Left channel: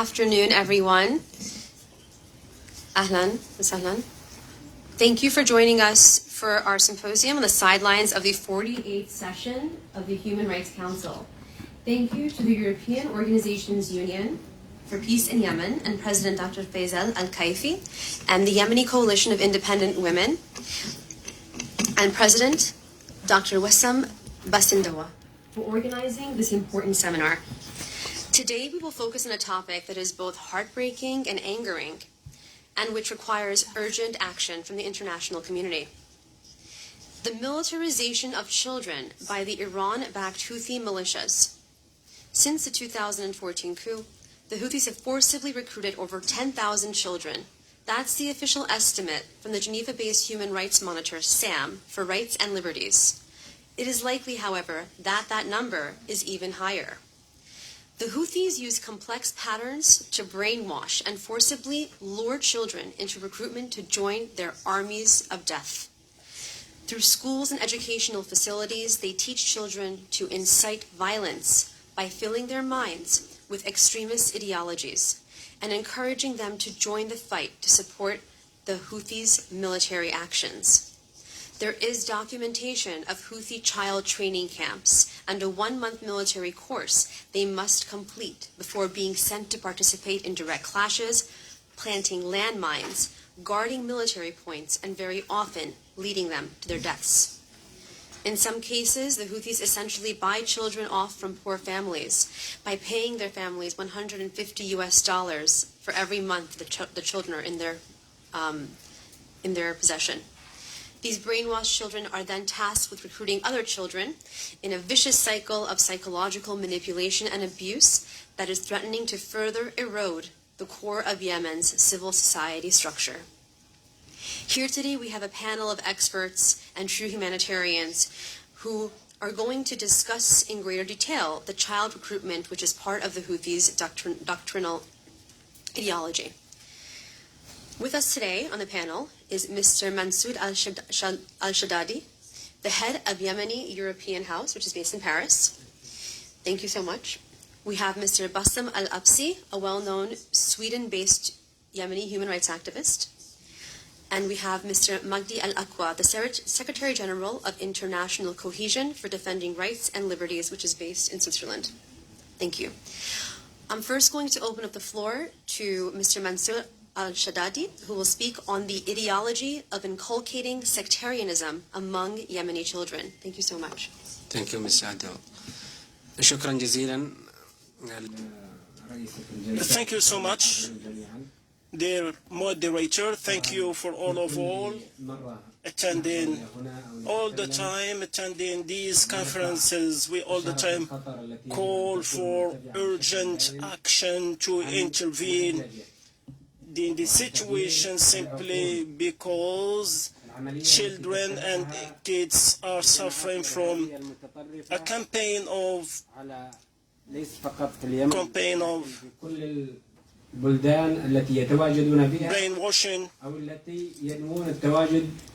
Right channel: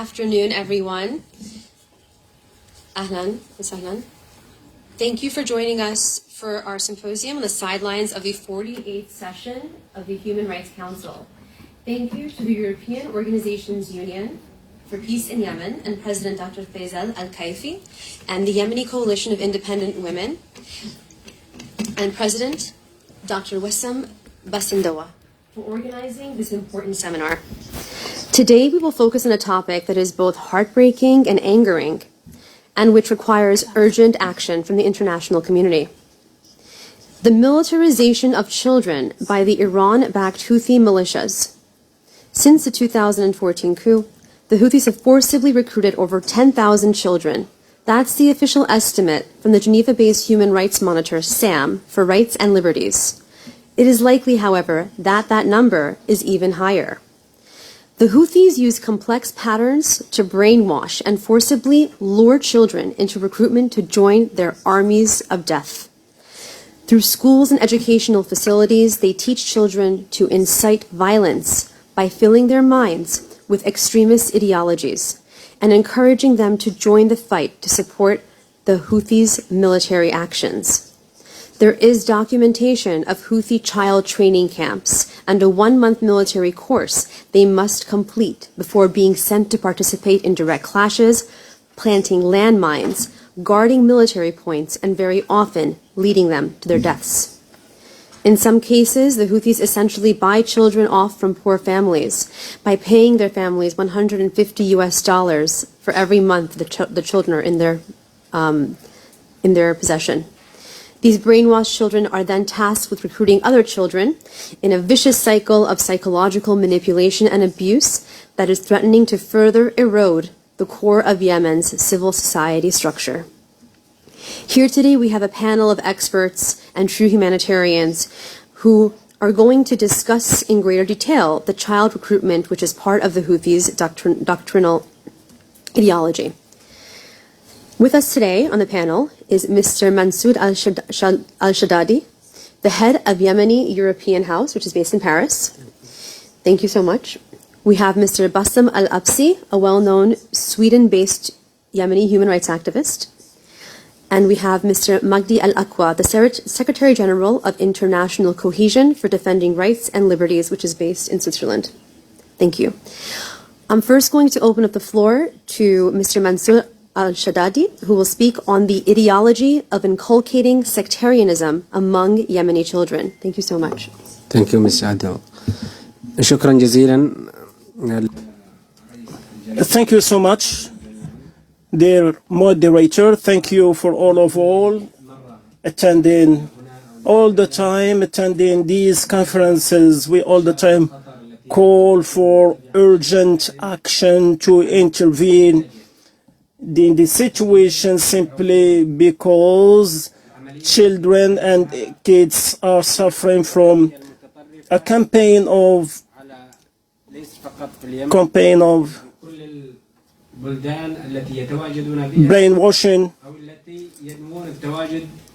afternoon, everyone. Ahlan wa sahlan. Thank you for joining us for our symposium on the sidelines of the 48th session of the Human Rights Council. Thank you to the European Organizations Union for Peace in Yemen and President Dr. Faisal Al-Kaifi and the Yemeni Coalition of Independent Women and President Dr. Wissam Basindawa for organizing this important seminar. Today we will focus on a topic that is both heartbreaking and angering, and which requires urgent action from the international community. The militarization of children by the Iran-backed Houthi militias. Since the 2014 coup, the Houthis have forcibly recruited over 10,000 children. That's the official estimate from the Geneva-based human rights monitor, SAM, for rights and liberties. It is likely, however, that that number is even higher. The Houthis use complex patterns to brainwash and forcibly lure children into recruitment to join their armies of death. Through schools and educational facilities, they teach children to incite violence by filling their minds with extremist ideologies and encouraging them to join the fight to support the Houthis' military actions. There is documentation of Houthi child training camps and a 1-month military course they must complete before being sent to participate in direct clashes, planting landmines, guarding military points, and very often leading them to their deaths. In some cases, the Houthis essentially buy children off from poor families by paying their families $150 for every month the children are in their possession. These brainwashed children are then tasked with recruiting other children in a vicious cycle of psychological manipulation and abuse that is threatening to further erode the core of Yemen's civil society structure. Here today we have a panel of experts and true humanitarians who are going to discuss in greater detail the child recruitment which is part of the Houthis' doctrinal ideology. With us today on the panel is Mr. Mansour al-Shaddadi, the head of Yemeni European House, which is based in Paris. Thank you so much. We have Mr. Bassam al-Absi, a well-known Sweden-based Yemeni human rights activist. And we have Mr. Magdi al-Aqwa, the Secretary General of International Cohesion for Defending Rights and Liberties, which is based in Switzerland. Thank you. I'm first going to open up the floor to Mr. Mansour al-Shaddadi, who will speak on the ideology of inculcating sectarianism among Yemeni children. Thank you so much. Thank you, Ms. Adel. شكرا جزيلا. Thank you so much, dear moderator. Thank you for all attending these conferences. We all the time call for urgent action to intervene in the situation simply because children and kids are suffering from a campaign of brainwashing,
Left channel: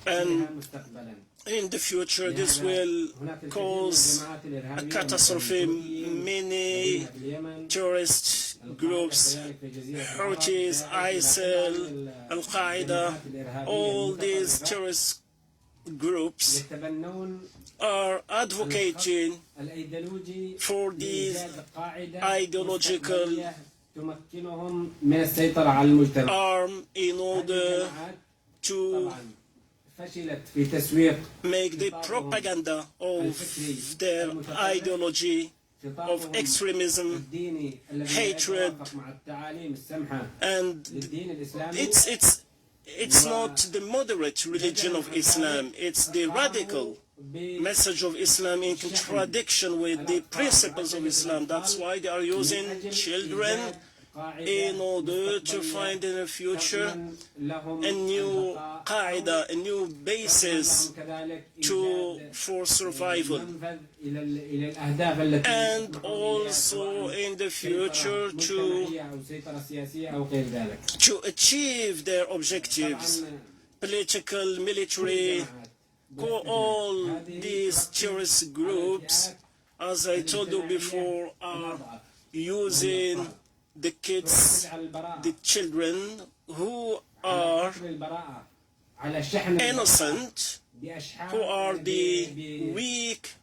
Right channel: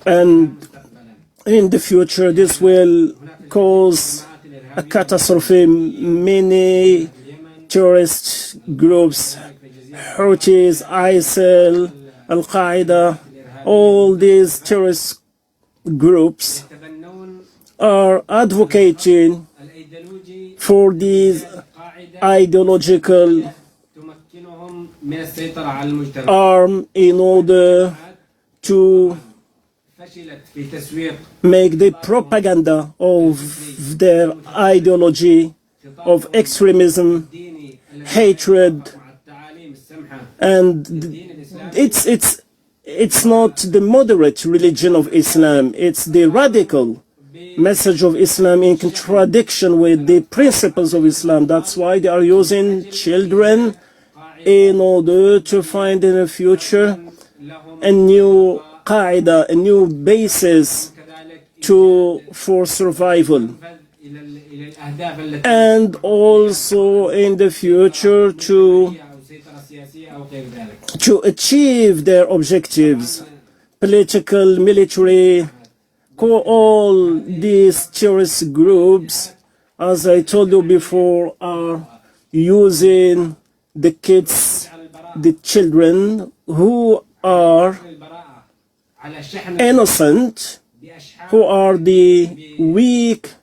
and in the future this will cause a catastrophe. Many terrorist groups, Houthis, ISIL, Al-Qaeda, all these terrorist groups are advocating for these ideological arm in order to make the propaganda of their ideology of extremism, hatred, and it's not the moderate religion of Islam, it's the radical message of Islam in contradiction with the principles of Islam. That's why they are using children in order to find in the future a new qaida, a new basis for survival, and also in the future to achieve their objectives, political, military. All these terrorist groups, as I told you before, are using the kids, the children who are innocent, who are the weak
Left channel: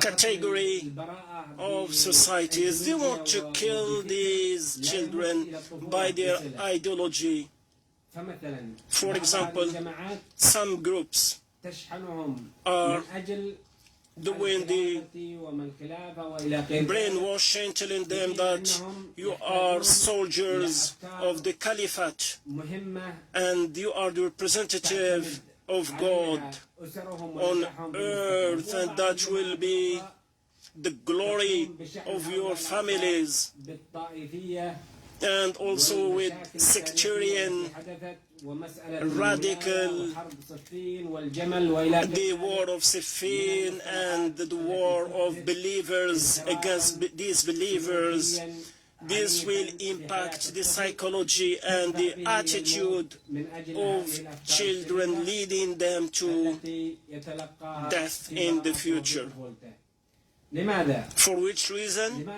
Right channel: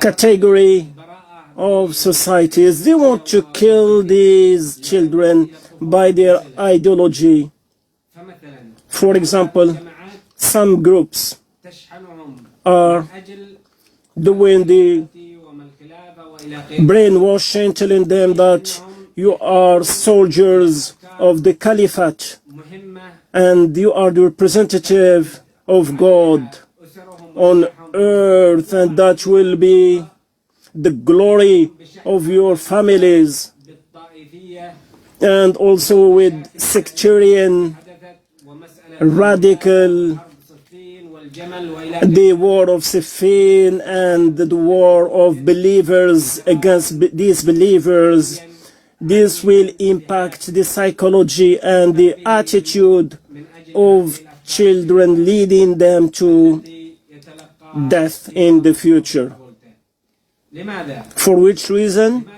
category of societies. They want to kill these children by their ideology. For example, some groups are doing the brainwashing, telling them that you are soldiers of the caliphate and you are the representative of God on earth, and that will be the glory of your families. And also with sectarian, radical, the war of Siffin and the war of believers against these believers. This will impact the psychology and the attitude of children, leading them to death in the future. For which reason?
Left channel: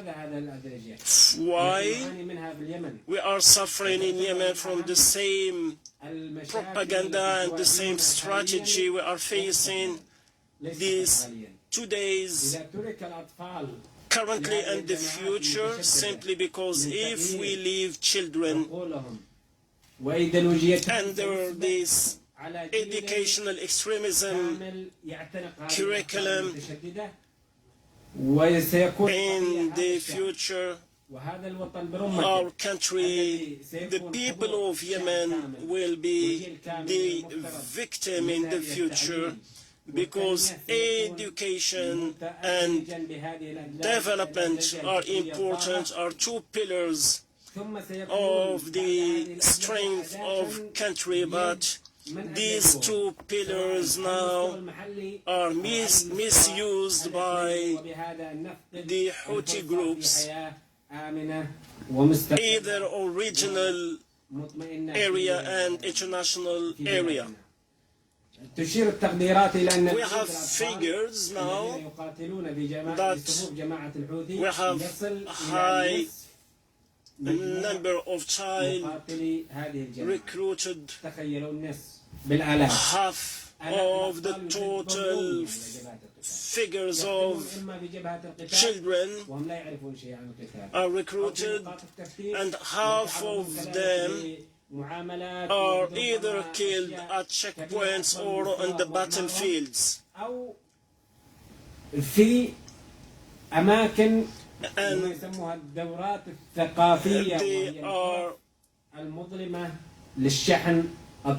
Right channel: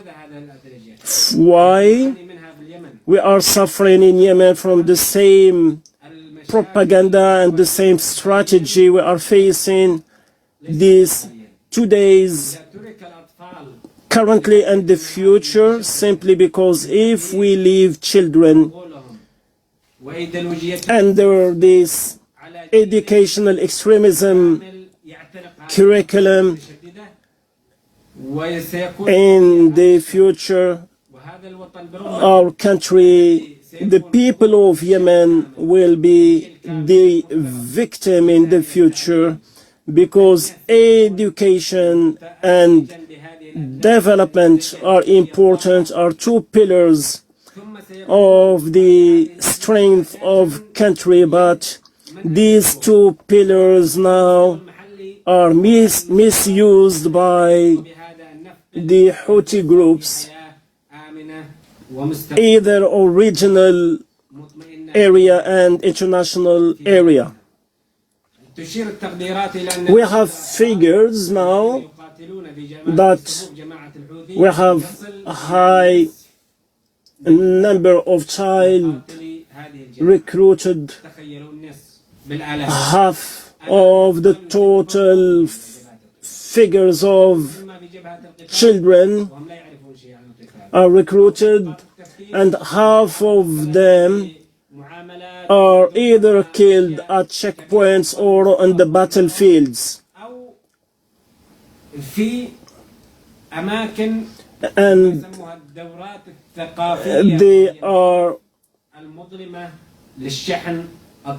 Why we are suffering in Yemen from the same propaganda and the same strategy we are facing these 2 days, currently and the future, simply because if we leave children under this educational extremism curriculum, in the future, our country, the people of Yemen will be the victim in the future, because education and development are important, are two pillars of the strength of country, but these two pillars now are misused by the Houthi groups, either regional area and international area. We have figures now that we have a high number of child recruited, half of the total figures of children are recruited, and half of them are either killed at checkpoints or on the battlefields. And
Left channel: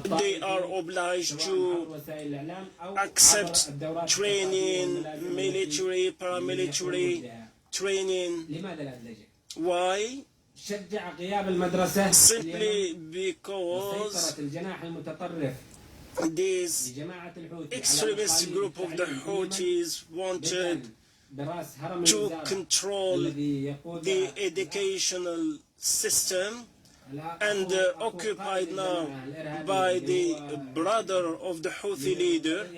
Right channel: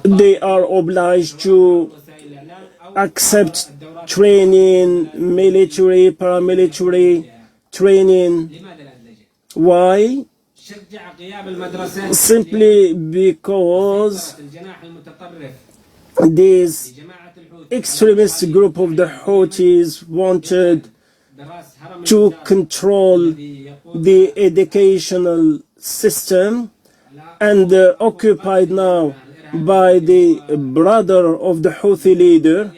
they are obliged to accept training, military, paramilitary training. Why? Simply because this extremist group of the Houthis wanted to control the educational system, and occupied now by the brother of the Houthi leader,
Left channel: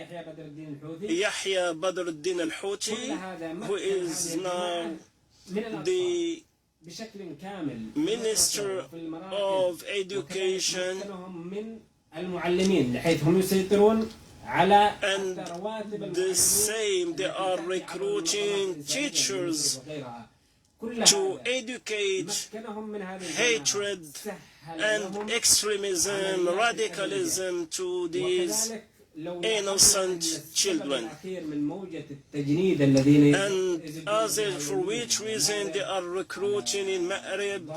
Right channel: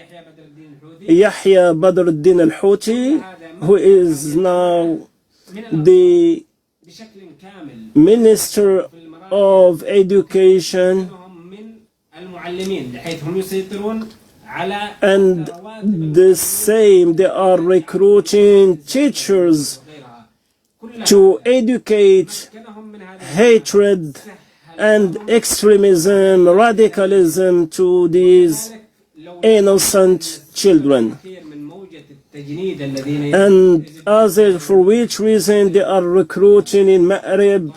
Yahya Badr al-Din al-Houthi, who is now the Minister of Education, and the same, they are recruiting teachers to educate hatred and extremism, radicalism to these innocent children. And for which reason they are recruiting in Ma'rib,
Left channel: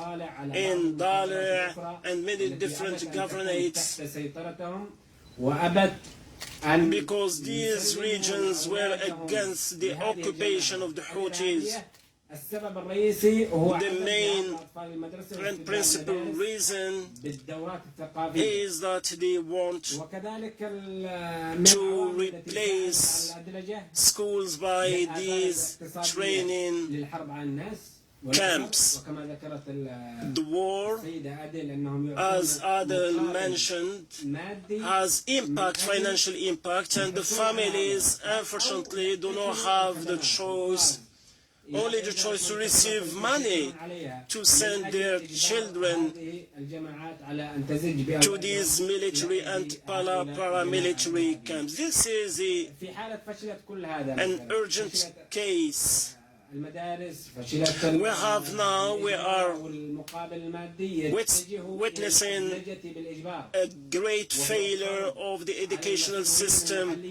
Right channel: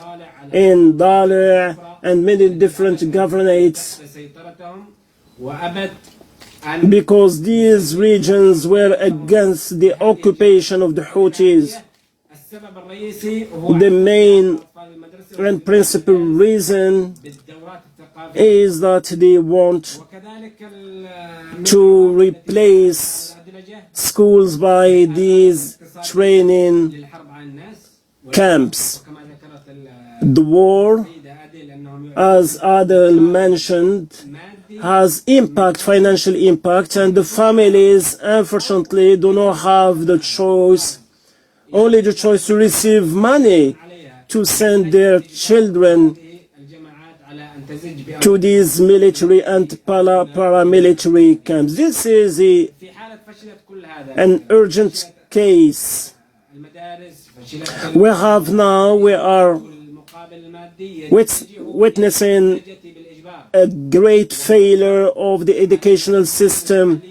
in Dali', and many different governorates, because these regions were against the occupation of the Houthis. The main and principal reason is that they want to replace schools by these training camps. The war, as Adel mentioned, has impact, financial impact, and the families unfortunately do not have the choice, only the choice to receive money to send their children to these military and paramilitary camps. This is an urgent case. We are witnessing a great failure of the educational system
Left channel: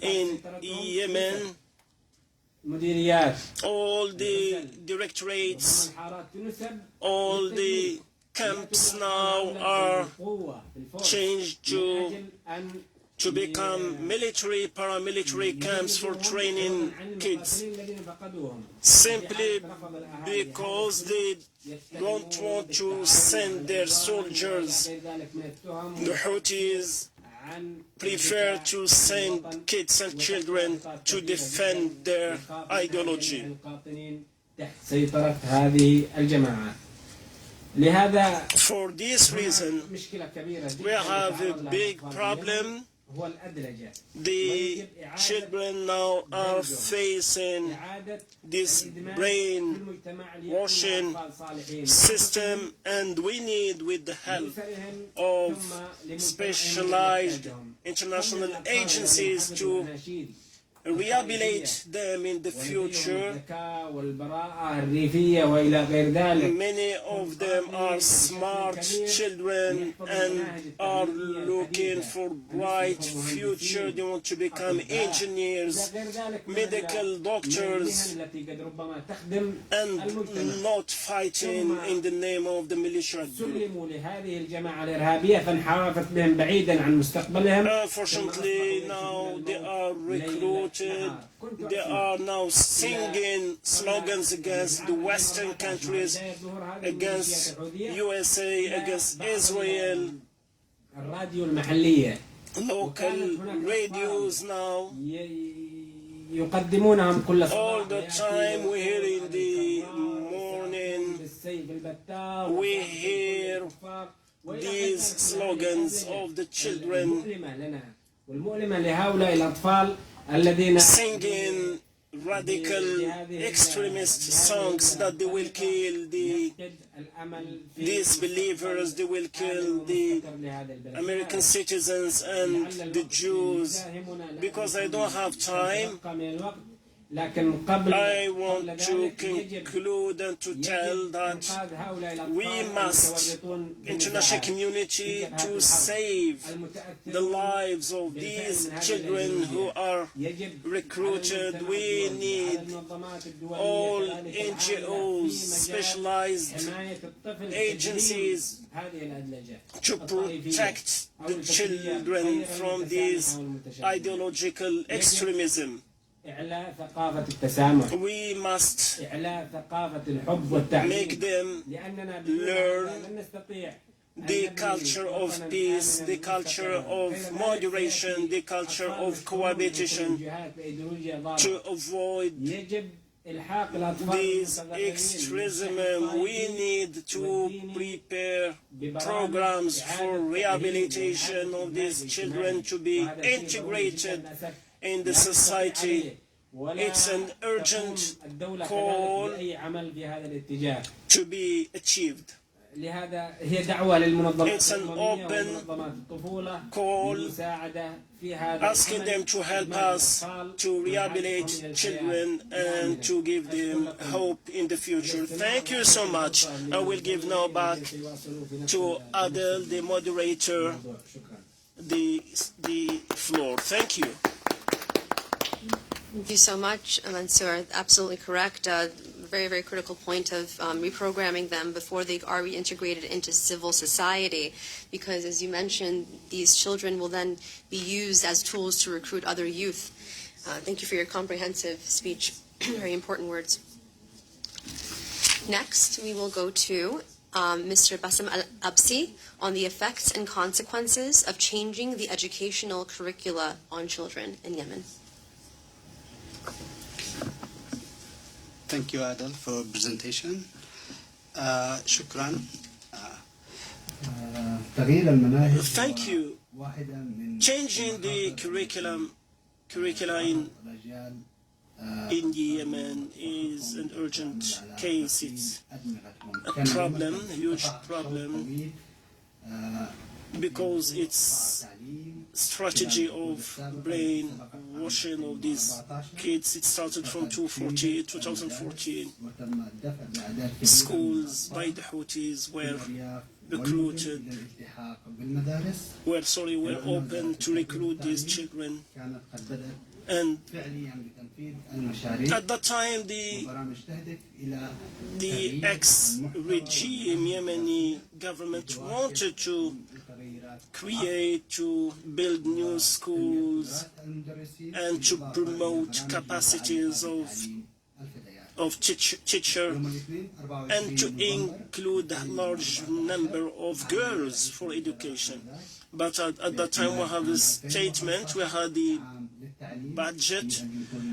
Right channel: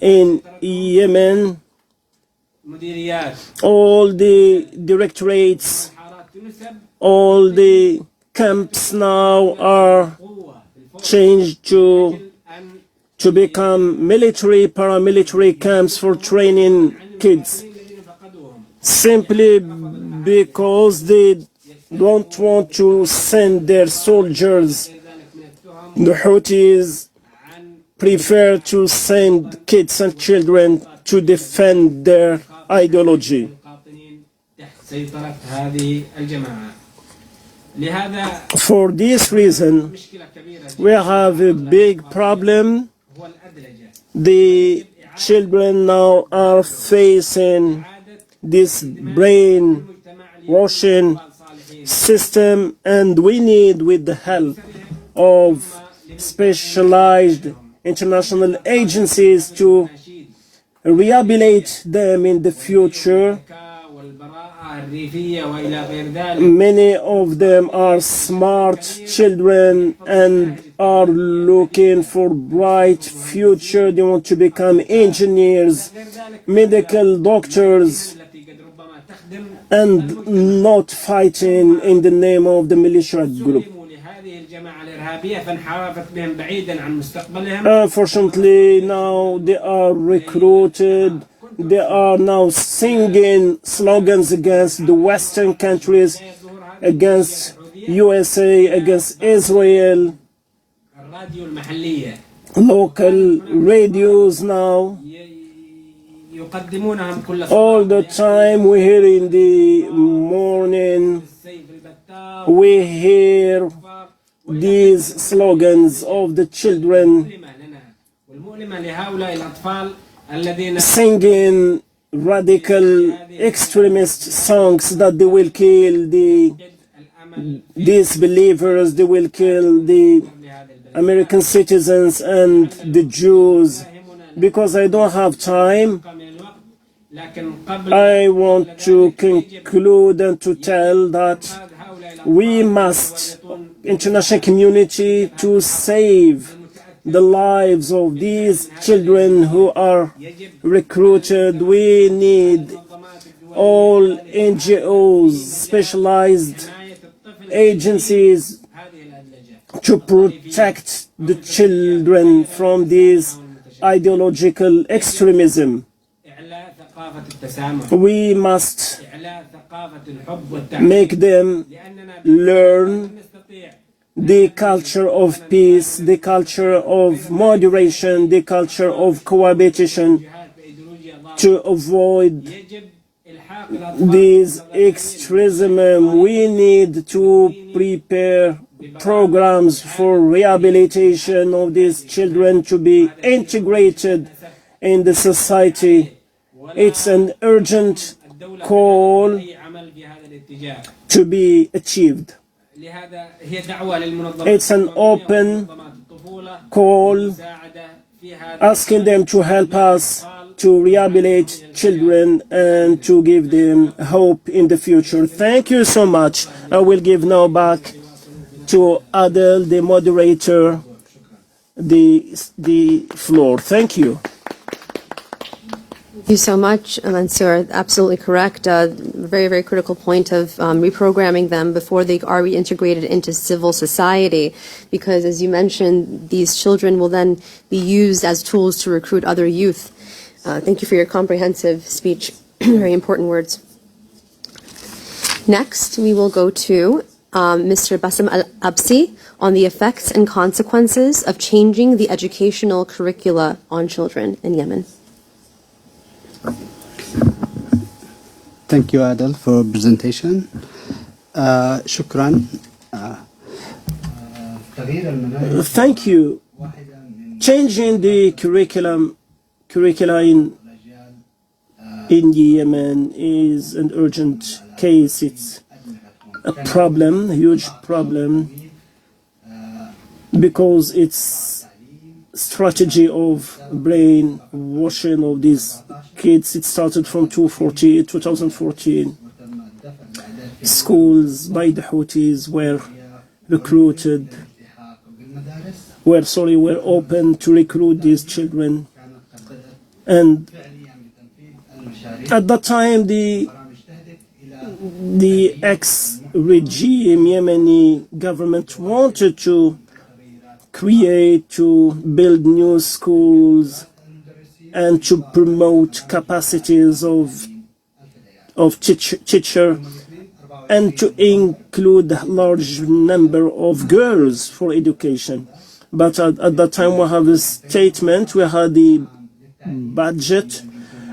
in Yemen. All the directorates, all the camps now are changed to become military, paramilitary camps for training kids, simply because they don't want to send their soldiers. The Houthis prefer to send kids and children to defend their ideology. For this reason, we have a big problem. The children now are facing this brainwashing system, and we need, with the help of specialized international agencies, to rehabilitate them in the future. Many of them are smart children and are looking for bright future. They want to become engineers, medical doctors, and not fighting in the name of the militia group. Unfortunately, now they are recruited. They are now singing slogans against the Western countries, against USA, against Israel. Local radios now. All the time we hear in the morning, we hear these slogans of the children singing radical extremist songs that they will kill the disbelievers, they will kill the American citizens and the Jews. Because I don't have time, I want to conclude and to tell that we must, international community, to save the lives of these children who are recruited. We need all NGOs, specialized agencies to protect the children from this ideological extremism. We must make them learn the culture of peace, the culture of moderation, the culture of cohabitation, to avoid this extremism. We need to prepare programs for rehabilitation of these children to be integrated in the society. It's an urgent call to be achieved. It's an open call asking them to help us to rehabilitate children and to give them hope in the future. Thank you so much. I will give now back to Adel, the moderator, the floor. Thank you. Thank you so much, Mansour. Absolutely correct. Very, very critical point of reprogramming them before they are reintegrated into civil society, because, as you mentioned, these children will then be used as tools to recruit other youth. Thank you for your comprehensive speech. Very important words. Next, we will go to Mr. Bassem Al-Absi on the effects and consequences of changing the educational curricula on children in Yemen. Thank you, Adel, for presentation. Shukran. Thank you. Changing the curricula in Yemen is an urgent case. It's a problem, a huge problem, because it's strategy of brainwashing of these kids. It started from 2014. Schools by the Houthis were recruited, were open to recruit these children. And at that time, the ex-regime Yemeni government wanted to build new schools and to promote capacities of teacher and to include a large number of girls for education. But at that time we have a statement, we had the budget,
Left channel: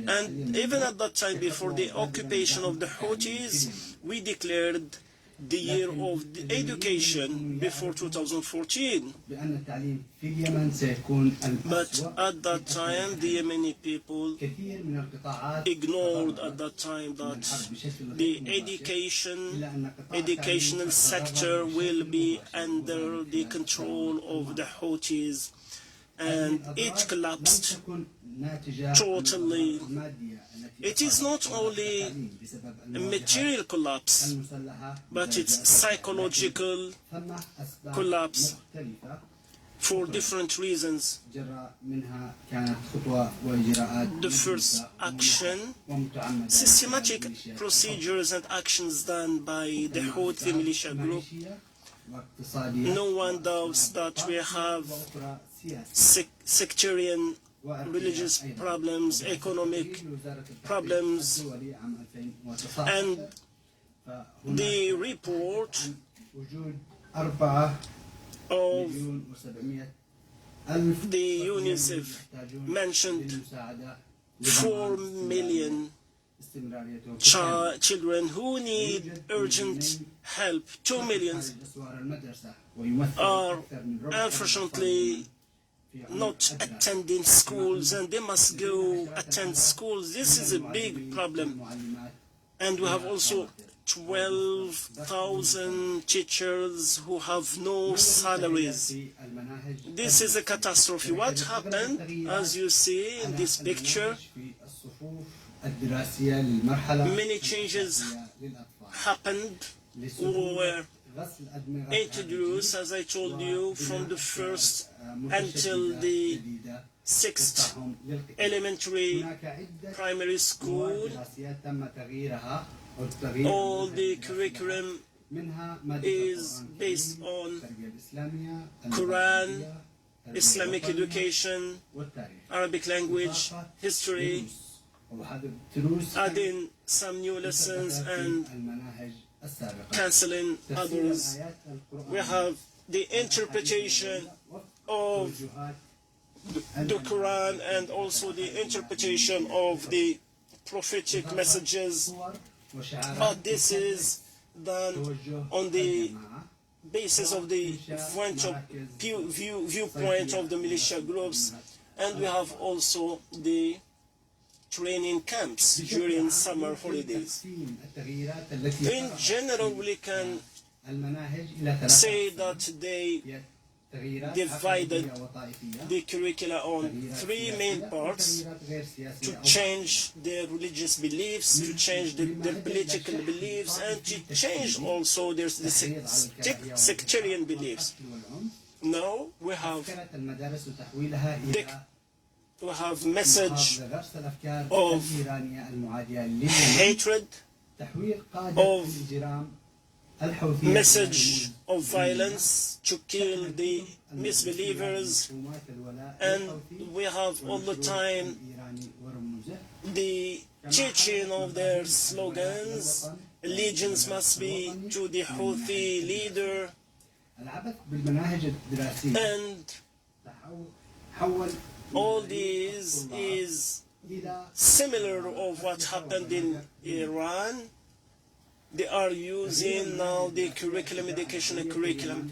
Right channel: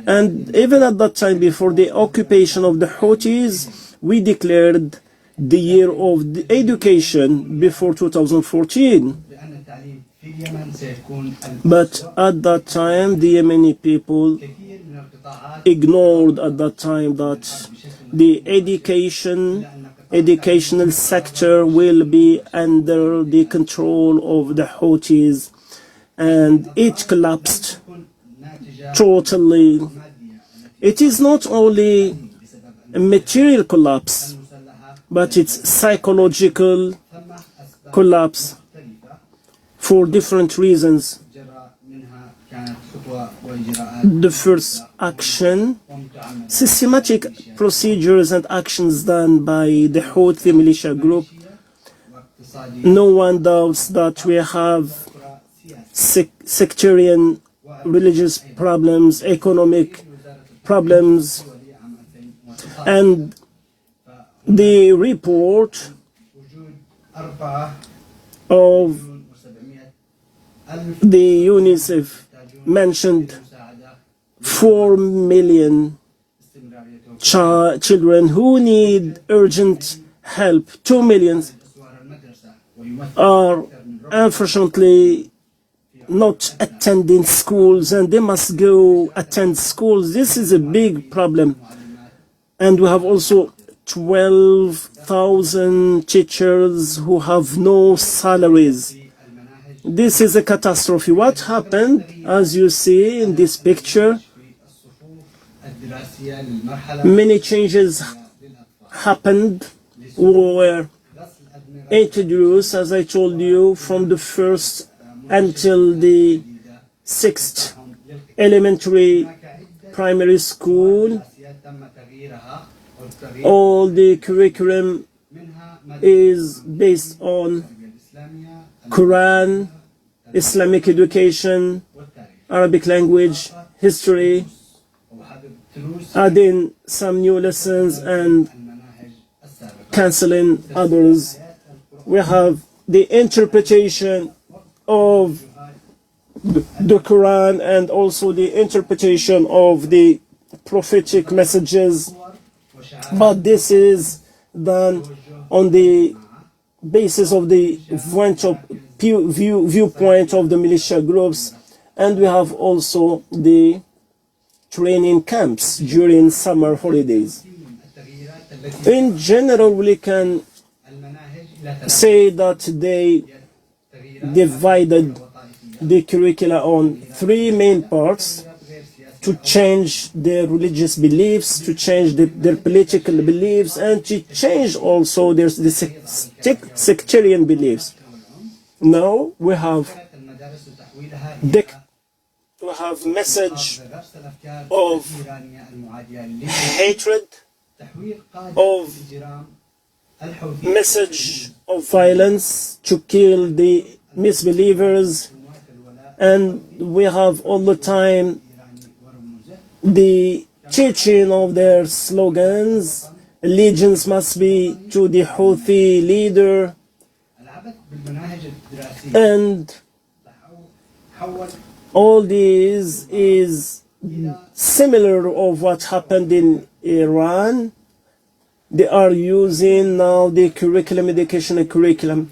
and even at that time, before the occupation of the Houthis, we declared the year of the education before 2014. But at that time, the Yemeni people ignored at that time that the educational sector will be under the control of the Houthis, and it collapsed totally. It is not only a material collapse, but it's psychological collapse for different reasons. The first action, systematic procedures and actions done by the Houthi militia group. No one doubts that we have sectarian religious problems, economic problems, and the report of the UNICEF mentioned 4 million children who need urgent help. 2 million are unfortunately not attending schools, and they must go attend schools. This is a big problem. And we have also 12,000 teachers who have no salaries. This is a catastrophe. What happened, as you see in this picture, many changes happened, were introduced, as I told you, from the first until the 6th elementary primary school. All the curriculum is based on Quran, Islamic education, Arabic language, history, adding some new lessons and cancelling others. We have the interpretation of the Quran and also the interpretation of the prophetic messages, but this is done on the basis of the viewpoint of the militia groups. And we have also the training camps during summer holidays. In general, we can say that they divided the curricula on 3 main parts: to change their religious beliefs, to change their political beliefs, and to change also their sectarian beliefs. Now we have message of hatred, of message of violence to kill the misbelievers, and we have all the time the teaching of their slogans. Allegiance must be to the Houthi leader, and all this is similar of what happened in Iran. They are using now the curriculum, educational curriculum,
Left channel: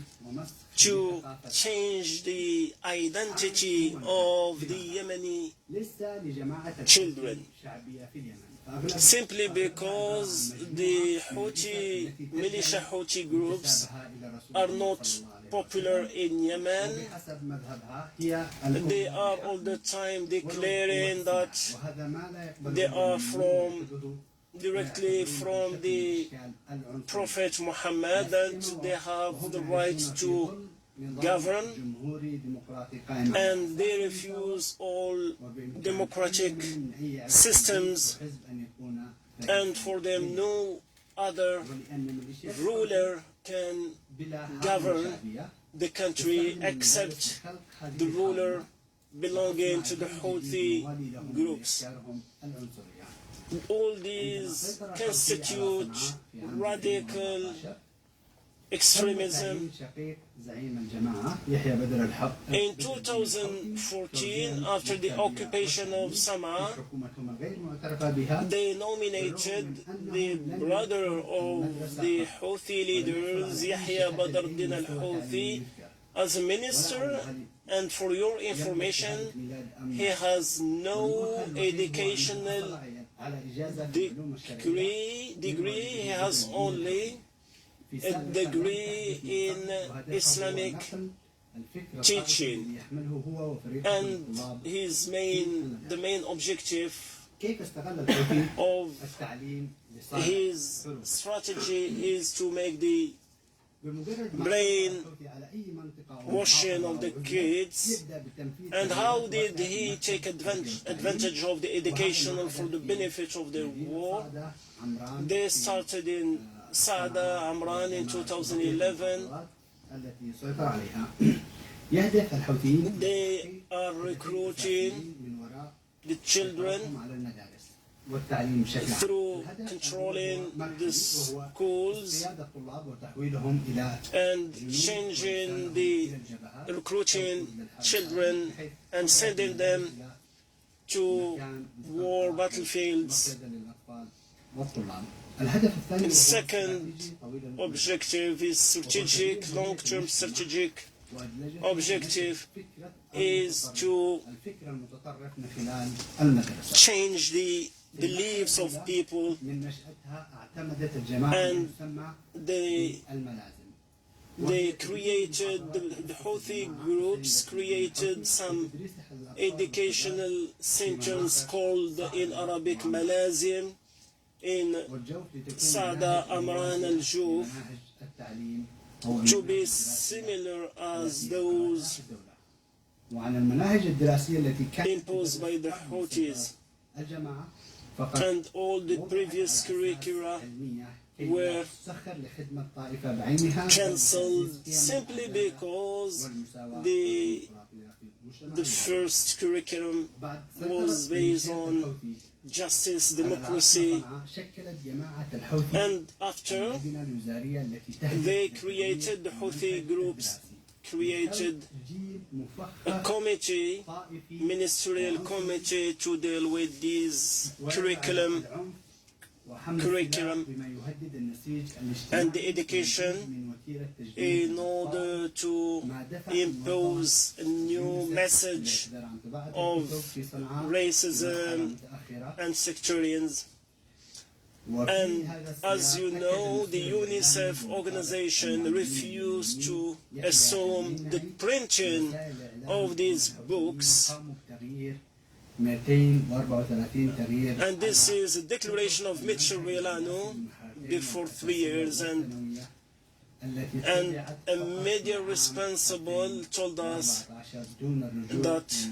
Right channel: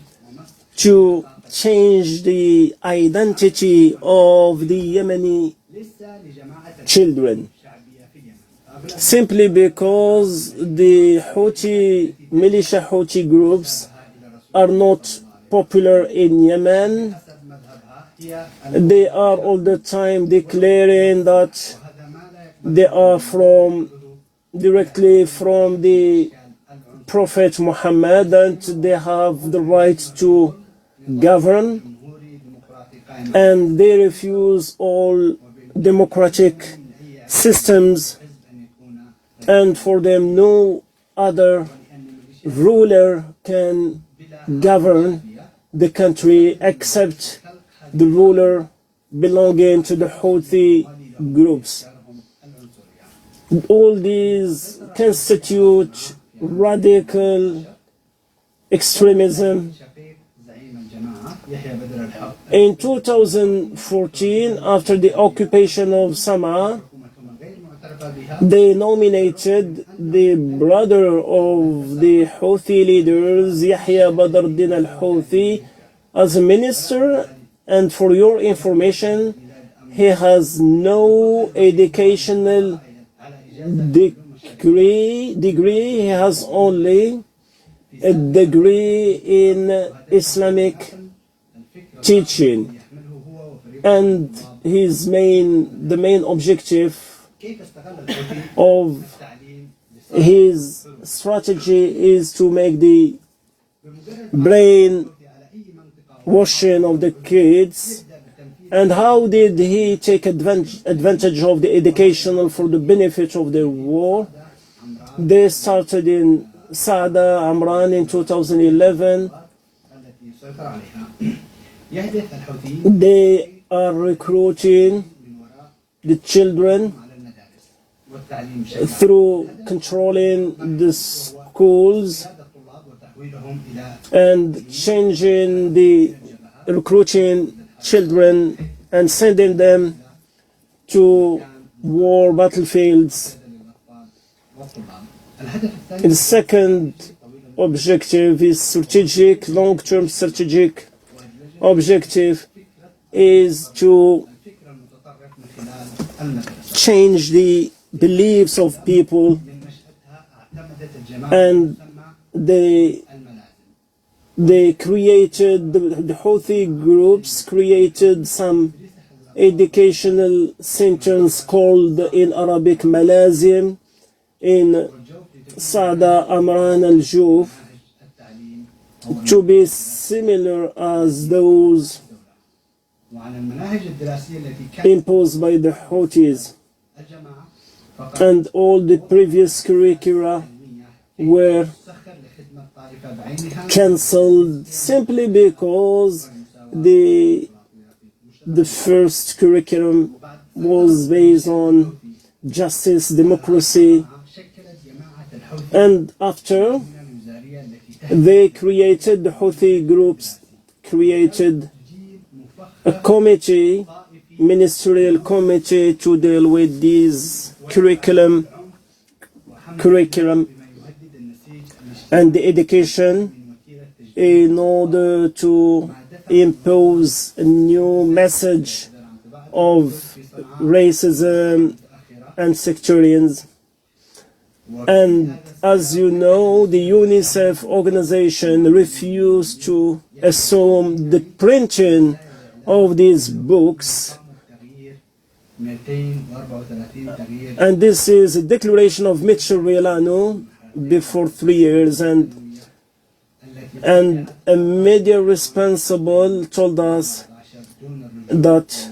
to change the identity of the Yemeni children. simply because the Houthi militia Houthi groups are not popular in Yemen. They are all the time declaring that they are directly from the Prophet Muhammad and they have the right to govern, and they refuse all democratic systems, and for them no other ruler can govern the country except the ruler belonging to the Houthi groups. All these constitute radical extremism. In 2014, after the occupation of Sana'a, they nominated the brother of the Houthi leaders, Yahya Badr al-Din al-Houthi, as a minister, and for your information, he has no educational degree. He has only a degree in Islamic teaching, and the main objective of his strategy is to make the brain washing of the kids. And how did he take advantage of the educational for the benefit of the war? They started in Saada, Amran in 2011. They are recruiting the children through controlling the schools and recruiting children and sending them to war battlefields. The second objective is strategic, long-term strategic objective is to change the beliefs of people, and they created, the Houthi groups created some educational centers called in Arabic Malazim in Saada, Amran al-Juf, to be similar as those imposed by the Houthis, and all the previous curricula were cancelled simply because the first curriculum was based on justice, democracy, and after they created, the Houthi groups created a committee, ministerial committee, to deal with these curriculum and the education in order to impose a new message of racism and sectarians. And as you know, the UNICEF organization refused to assume the printing of these books. And this is a declaration of Mitchell Rielano before 3 years, and a media responsible told us that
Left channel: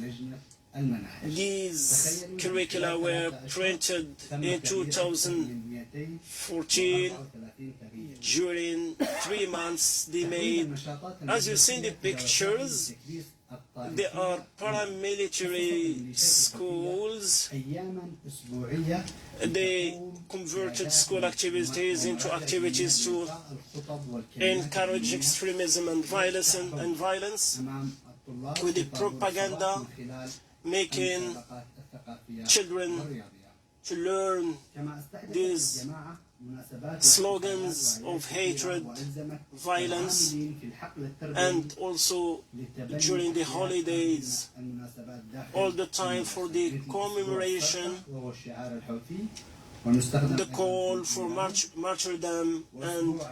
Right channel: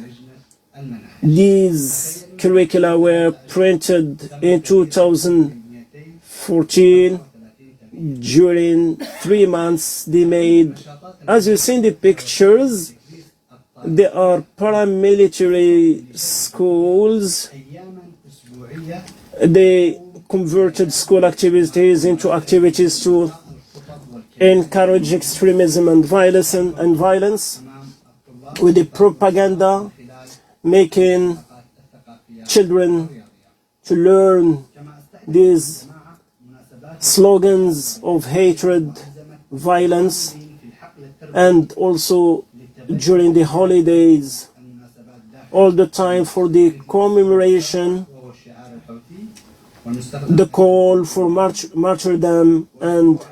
these curricula were printed in 2014 during 3 months. They made, as you see in the pictures, they are paramilitary schools. They converted school activities into activities to encourage extremism and violence with the propaganda, making children to learn these slogans of hatred, violence, and also during the holidays, all the time for the commemoration the call for martyrdom and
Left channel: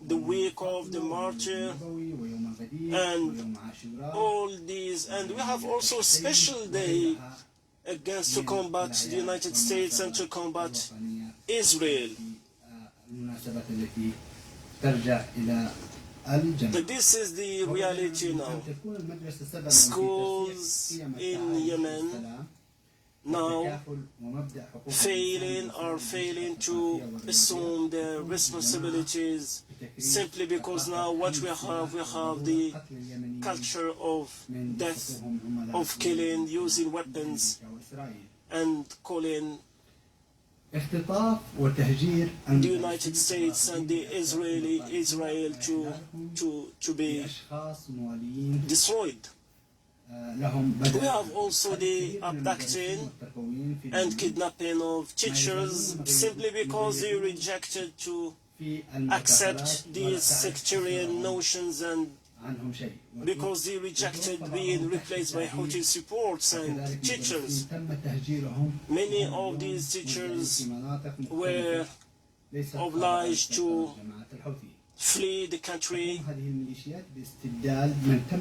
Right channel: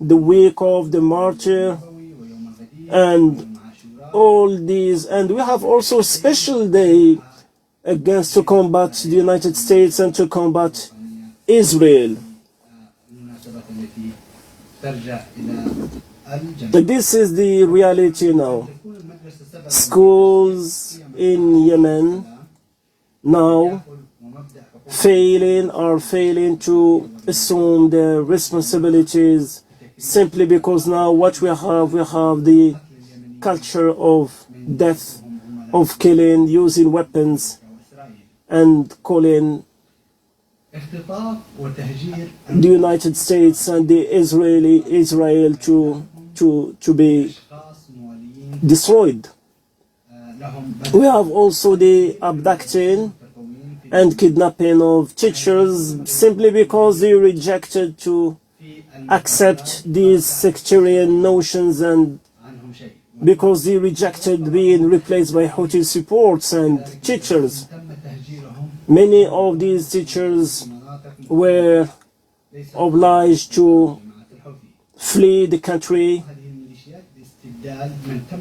the week of the martyr and all these. And we have also a special day against to combat the United States and to combat Israel. This is the reality now. Schools in Yemen now are failing to assume their responsibilities simply because now what we have the culture of death, of killing, using weapons and calling the United States and the Israel to be destroyed. We have also the abducting and kidnapping of teachers simply because they rejected to accept these sectarian notions and because they rejected being replaced by Houthi supports and teachers. Many of these teachers were obliged to flee the country.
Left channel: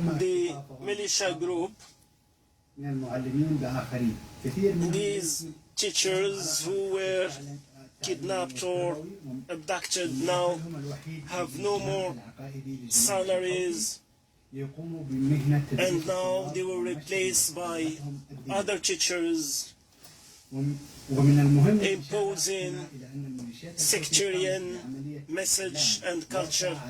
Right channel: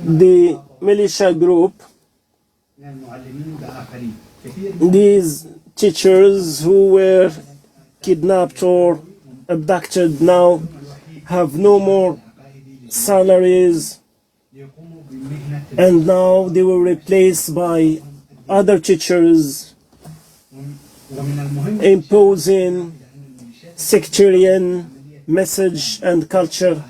The militia group, these teachers who were kidnapped or abducted now have no more salaries, and now they were replaced by other teachers imposing sectarian message and culture.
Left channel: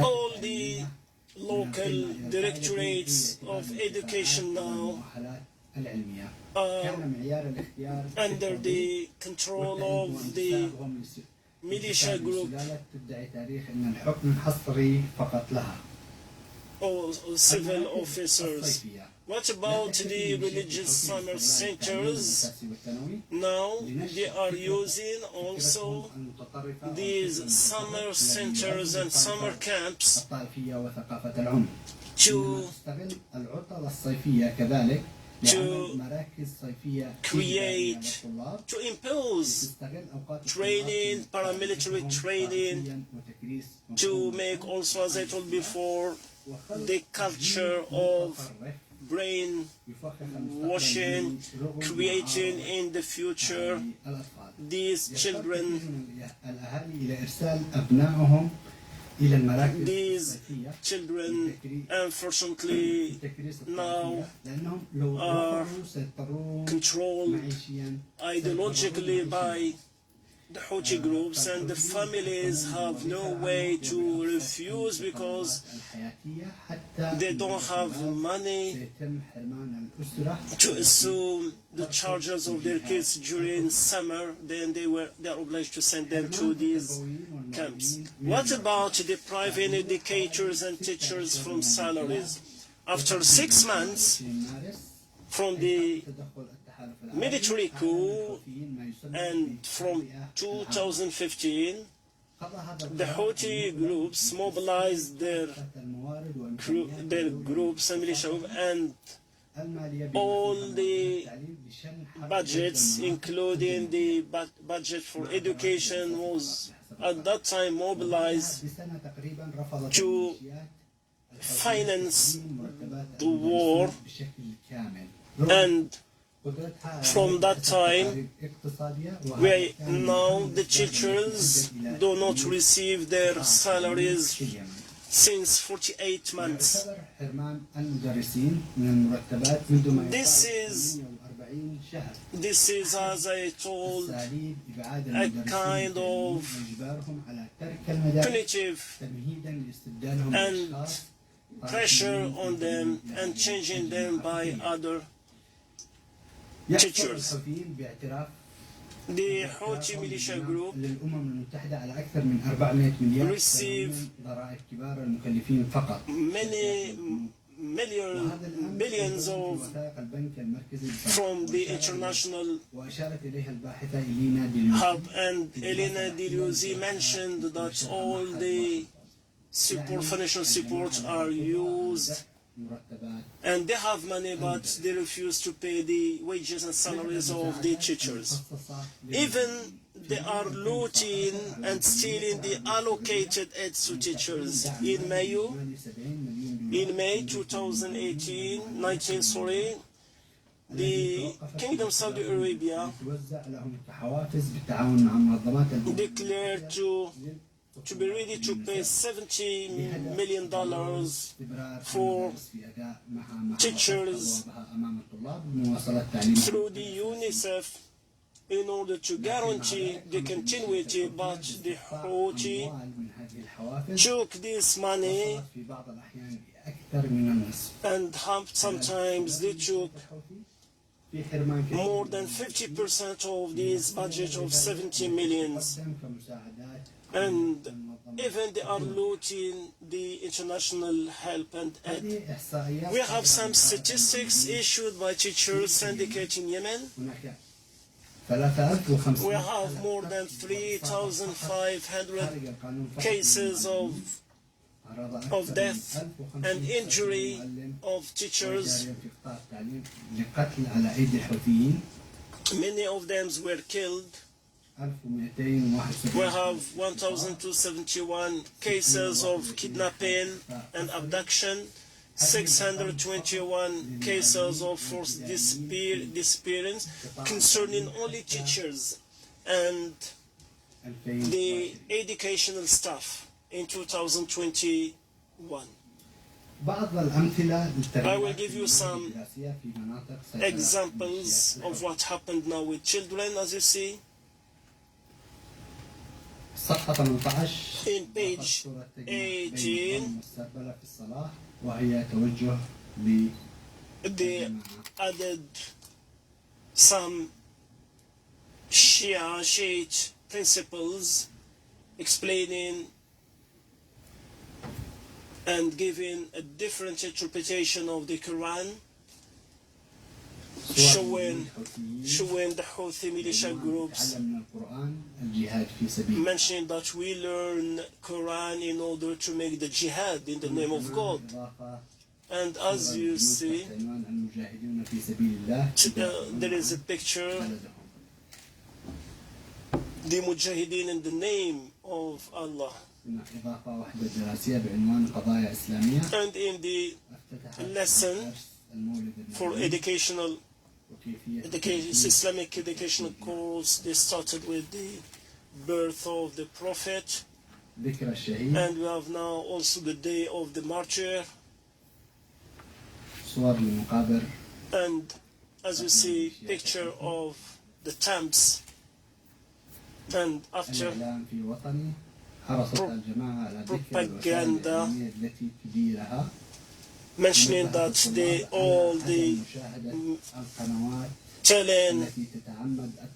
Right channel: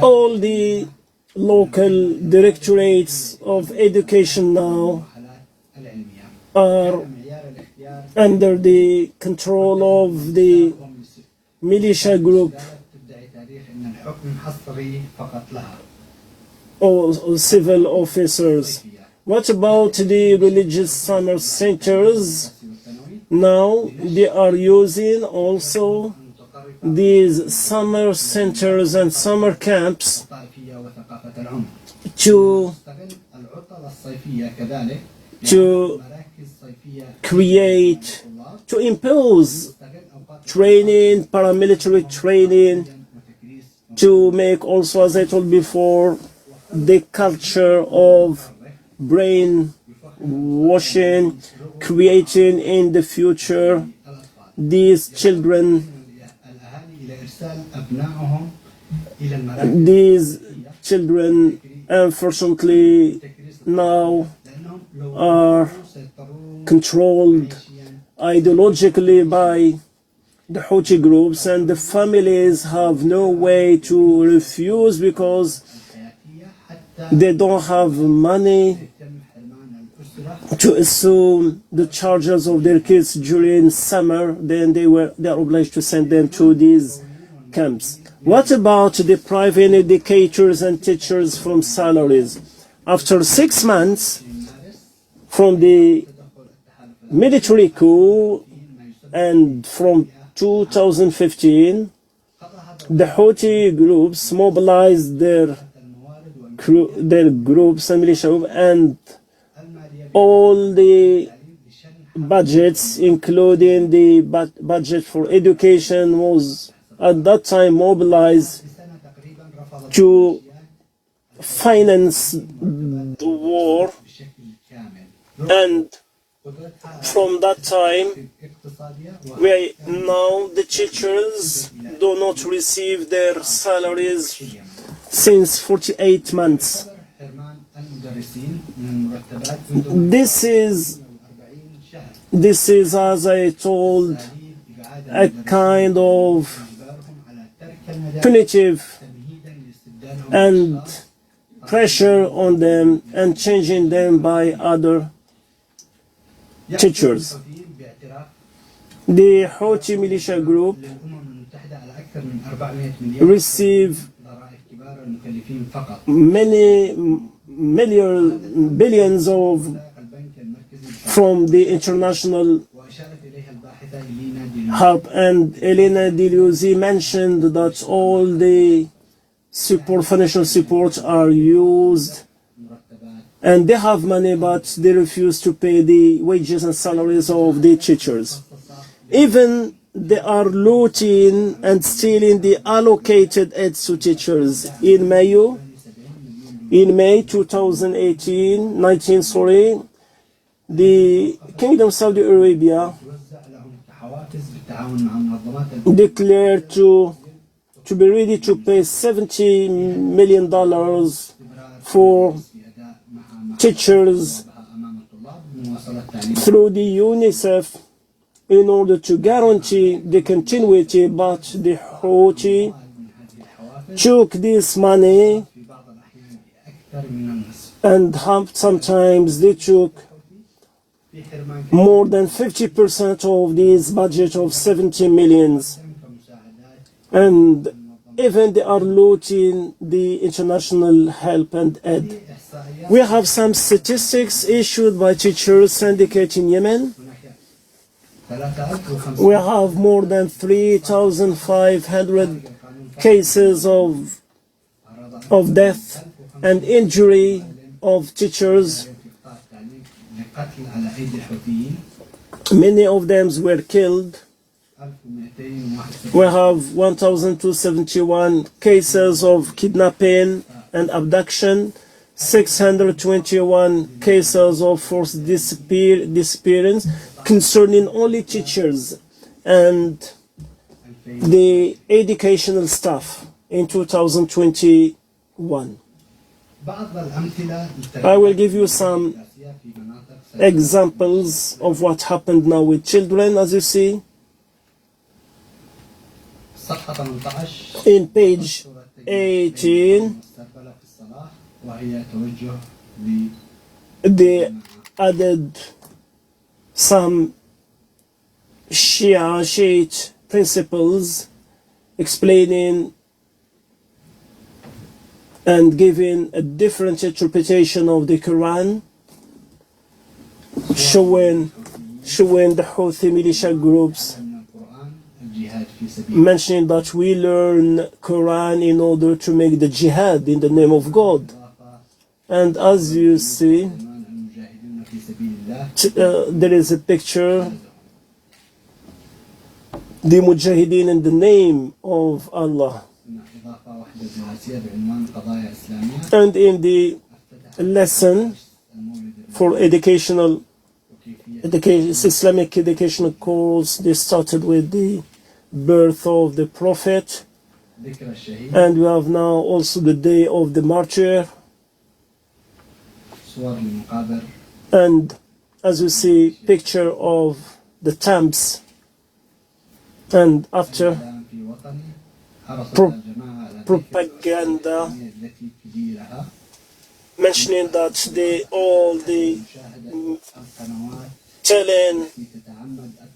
All the local directorates of education now are under the control of the militia group or civil officers. What about the religious summer centers? Now they are using also these summer centers and summer camps to create, to impose training, paramilitary training, to make also, as I told before, the culture of brainwashing, creating in the future these children. These children, unfortunately, now are controlled ideologically by the Houthi groups, and the families have no way to refuse because they don't have money to assume the charges of their kids during summer. Then they are obliged to send them to these camps. What about depriving educators and teachers from salaries? After 6 months from the military coup and from 2015, the Houthi groups mobilized their groups and militia, and all the budgets, including the budget for education, was at that time mobilized to finance the war. And from that time, now the teachers do not receive their salaries since 48 months. This is, as I told, a kind of punitive and pressure on them and changing them by other teachers. The Houthi militia group receive many billions from the international help, and Elena Diluzi mentioned that all the financial support are used and they have money, but they refuse to pay the wages and salaries of the teachers. Even they are looting and stealing the allocated aids to teachers. In May 19, the Kingdom of Saudi Arabia declared to be ready to pay $70 million for teachers through the UNICEF in order to guarantee the continuity, but the Houthi took this money and sometimes they took more than 50% of this budget of 70 millions. And even they are looting the international help and aid. We have some statistics issued by Teachers Syndicate in Yemen. We have more than 3,500 cases of death and injury of teachers. Many of them were killed. We have 1,271 cases of kidnapping and abduction, 621 cases of forced disappearance concerning only teachers and the educational staff in 2021. I will give you some examples of what happened now with children, as you see. In page 18, they added some Shiite principles explaining and giving a different interpretation of the Quran, showing the Houthi militia groups mentioning that we learn Quran in order to make the jihad in the name of God. And as you see, there is a picture, the mujahideen in the name of Allah. And in the lesson for Islamic educational course, they started with the birth of the Prophet, and we have now also the day of the martyr. And as you see, picture of the tombs, and after propaganda mentioning that telling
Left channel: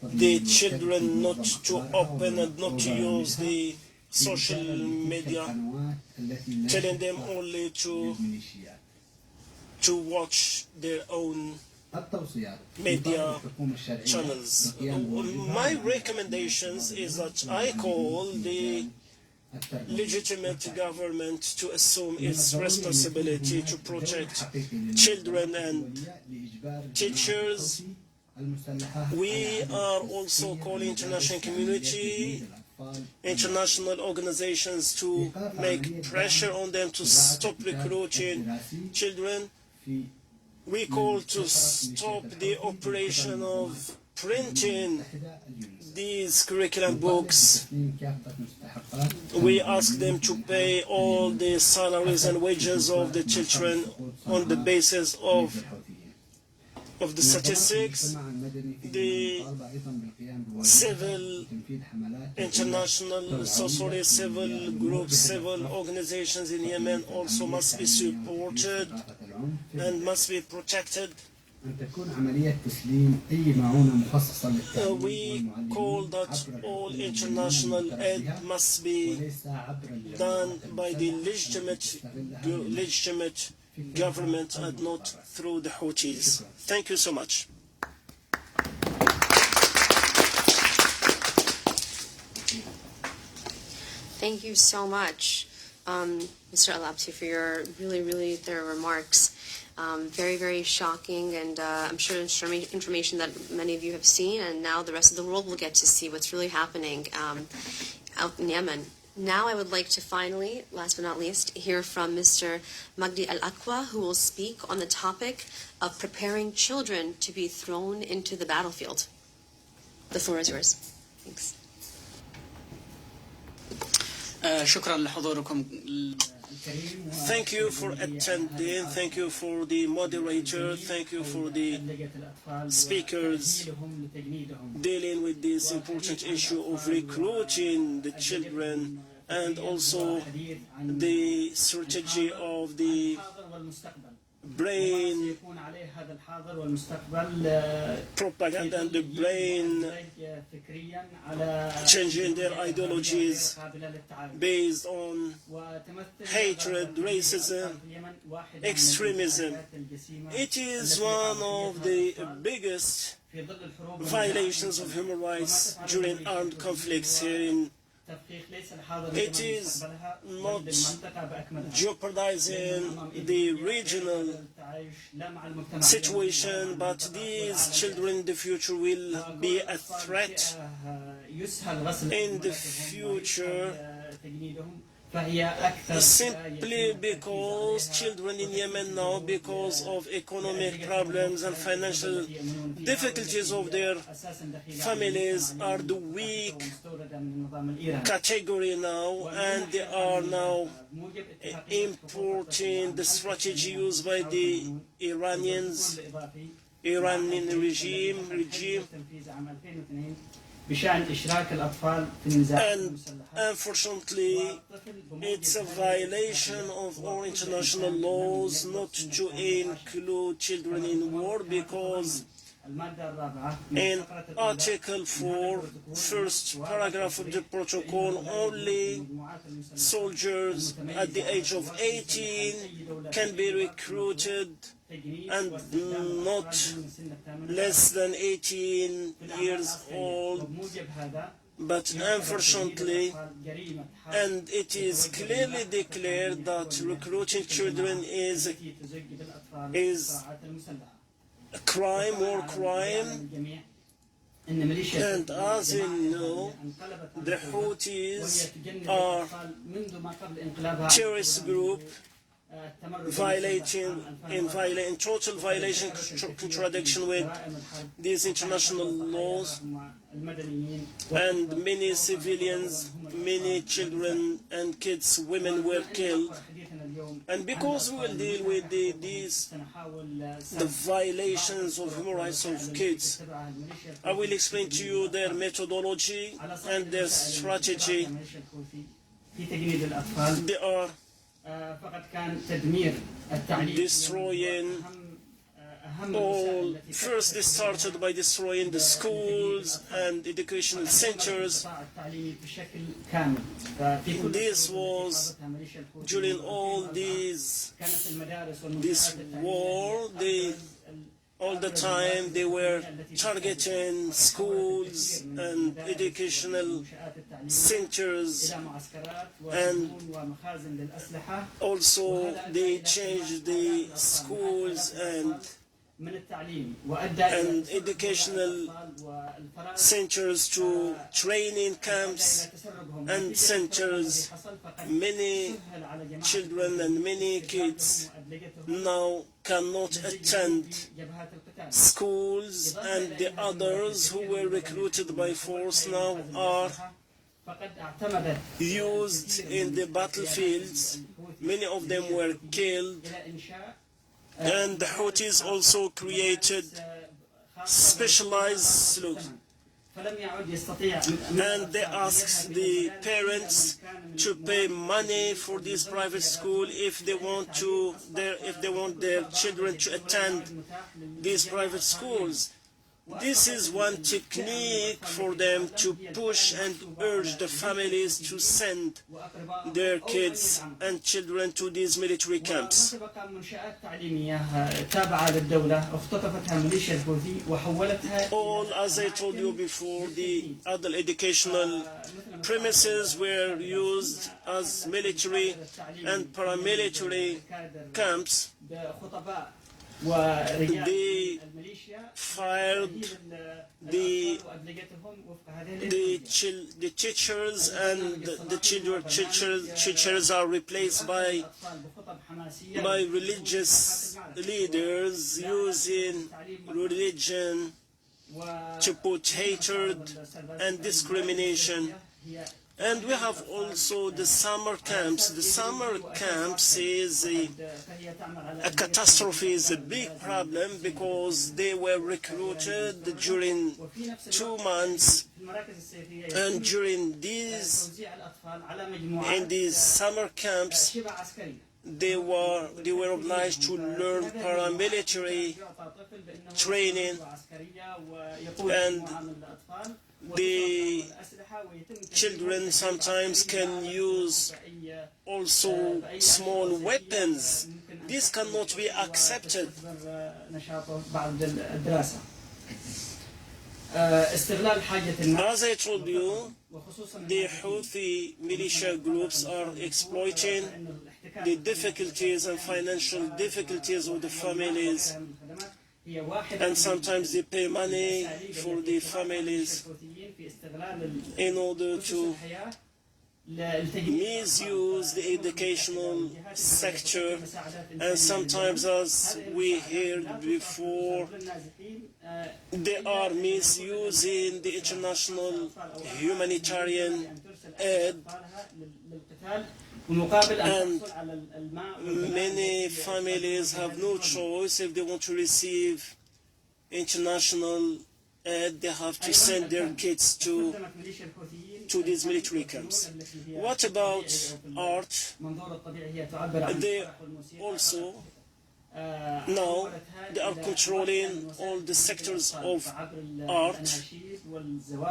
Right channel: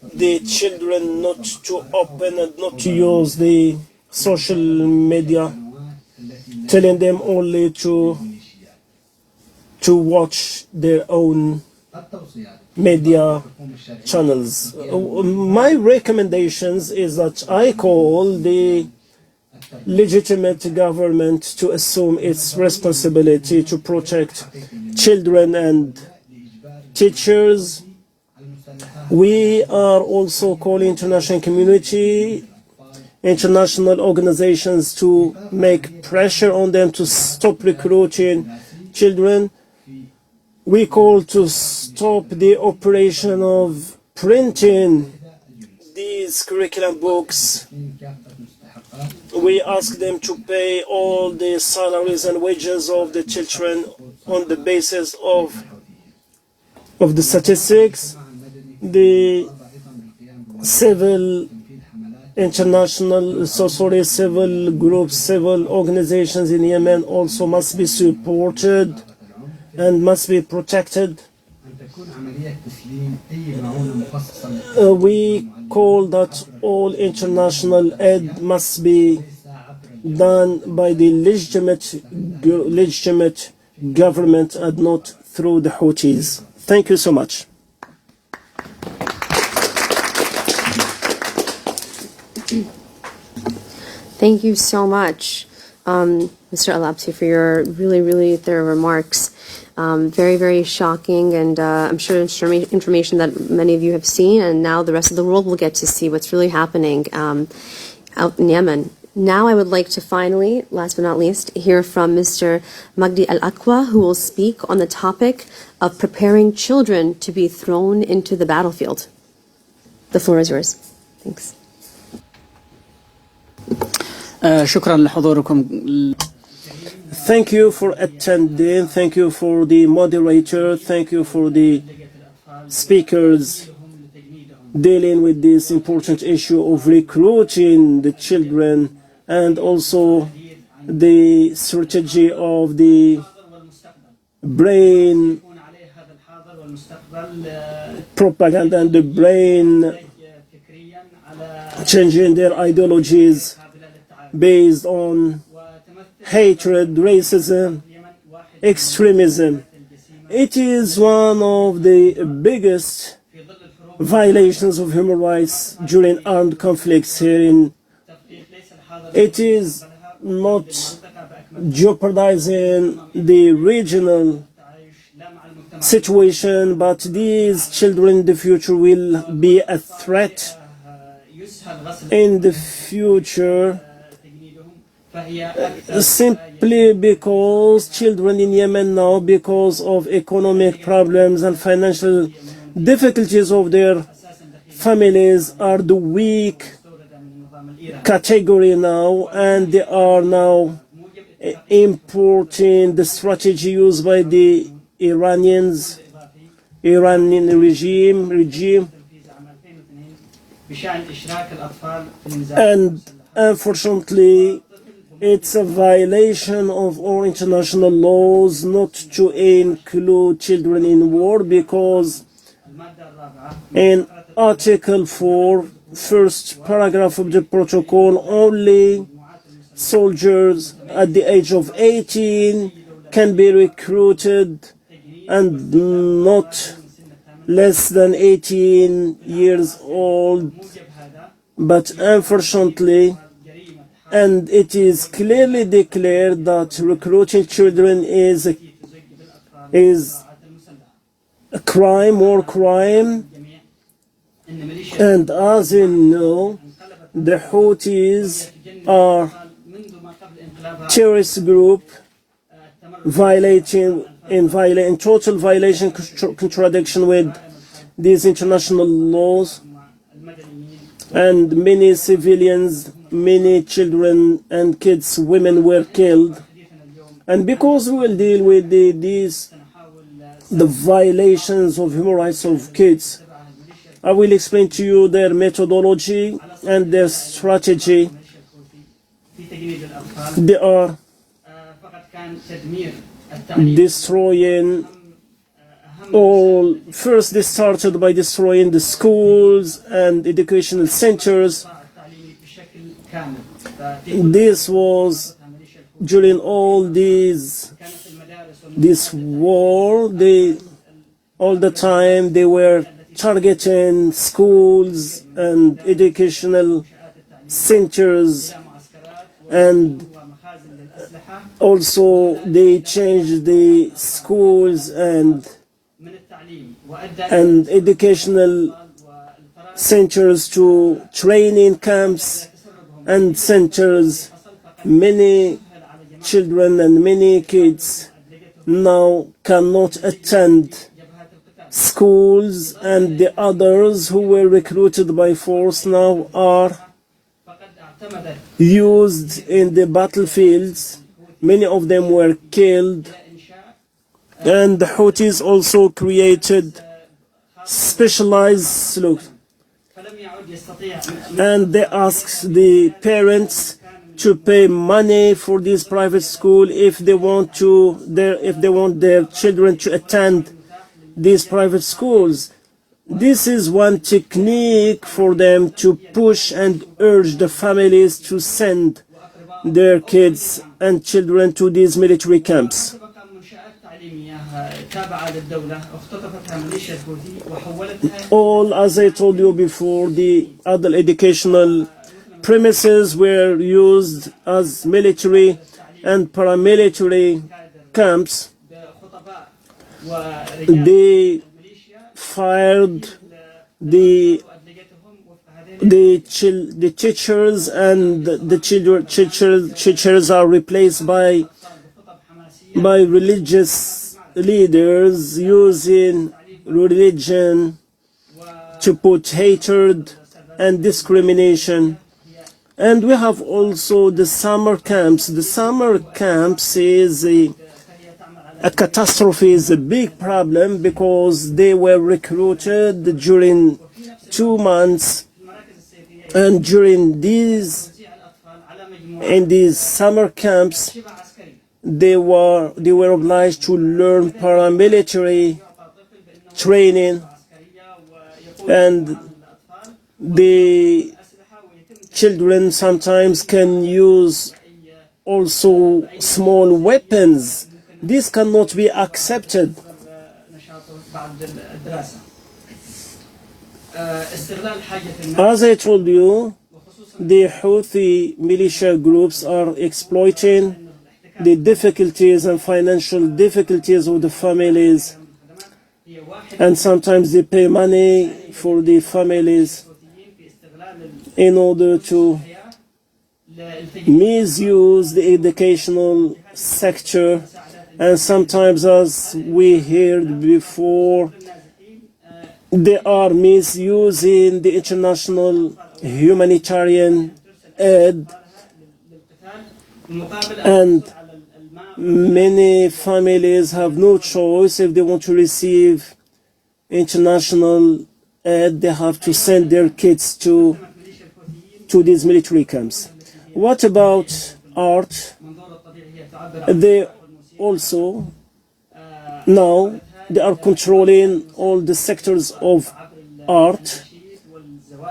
the children not to open and not to use the social media, telling them only to watch their own media channels. My recommendations is that I call the legitimate government to assume its responsibility to protect children and teachers. We are also calling international community, international organizations to make pressure on them to stop recruiting children. We call to stop the operation of printing these curriculum books. We ask them to pay all the salaries and wages of the children on the basis of the statistics. The civil groups, civil organizations in Yemen also must be supported and must be protected. We call that all international aid must be done by the legitimate government and not through the Houthis. Thank you so much. Thank you so much. Mr. Alapsi, for your really, really thorough remarks. Very, very shocking, and I'm sure information that many of you have seen, and now the rest of the world will get to see what's really happening out in Yemen. Now I would like to finally, last but not least, hear from Mr. Magdi Al-Aqwa, who will speak on the topic of preparing children to be thrown into the battlefield. The floor is yours. Thanks. شكرا لحضوركم. Thank you for attending. Thank you for the moderator. Thank you for the speakers dealing with this important issue of recruiting the children and also the strategy of the brain propaganda and the brain changing their ideologies based on hatred, racism, extremism. It is one of the biggest violations of human rights during armed conflicts here in. It is not jeopardizing the regional situation, but these children in the future will be a threat in the future, simply because children in Yemen now, because of economic problems and financial difficulties of their families, are the weak category now, and they are now importing the strategy used by the Iranian regime, and unfortunately it's a violation of all international laws not to include children in war, because in Article 4, first paragraph of the protocol, only soldiers at the age of 18 can be recruited and not less than 18 years old. But unfortunately, and it is clearly declared that recruiting children is a crime, war crime. And as you know, the Houthis are terrorist group in total violation, contradiction with these international laws, and many civilians, many children and kids, women were killed. And because we will deal with the violations of human rights of kids, I will explain to you their methodology and their strategy. They are destroying all. First, they started by destroying the schools and educational centers. This was during all this war. All the time they were targeting schools and educational centers, and also they changed the schools and educational centers to training camps and centers. Many children and many kids now cannot attend schools, and the others who were recruited by force now are used in the battlefields. Many of them were killed, and the Houthis also created specialized sloops, and they asked the parents to pay money for this private school if they want their children to attend these private schools. This is one technique for them to push and urge the families to send their kids and children to these military camps. All, as I told you before, the other educational premises were used as military and paramilitary camps. They fired the teachers, and the teachers are replaced by religious leaders using religion to put hatred and discrimination. And we have also the summer camps. The summer camps is a catastrophe, is a big problem, because they were recruited during 2 months, and during in these summer camps they were obliged to learn paramilitary training, and the children sometimes can use also small weapons. This cannot be accepted. As I told you, the Houthi militia groups are exploiting the difficulties and financial difficulties of the families, and sometimes they pay money for the families in order to misuse the educational sector, and sometimes, as we heard before, they are misusing the international humanitarian aid, and many families have no choice. If they want to receive international aid, they have to send their kids to these military camps. What about art? They also now they are controlling all the sectors of art.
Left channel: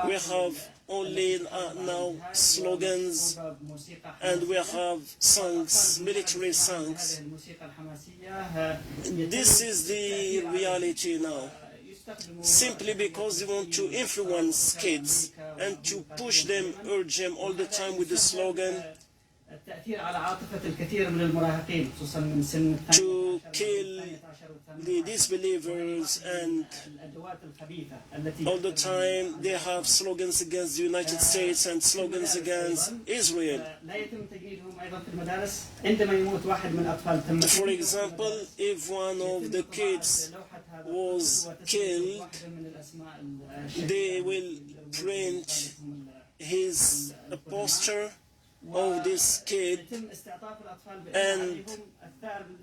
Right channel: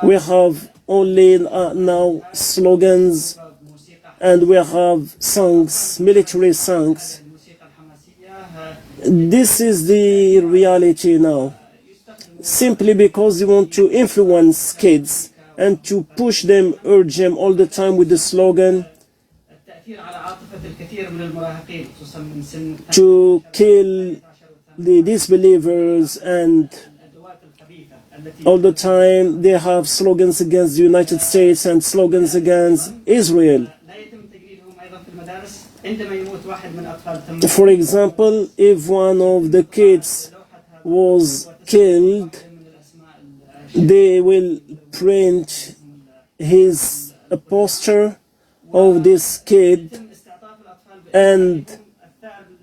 We have only now slogans, and we have songs, military songs. This is the reality now, simply because they want to influence kids and to push them, urge them all the time with the slogan to kill the disbelievers, and all the time they have slogans against the United States and slogans against Israel. For example, if one of the kids was killed, they will print a poster of this kid and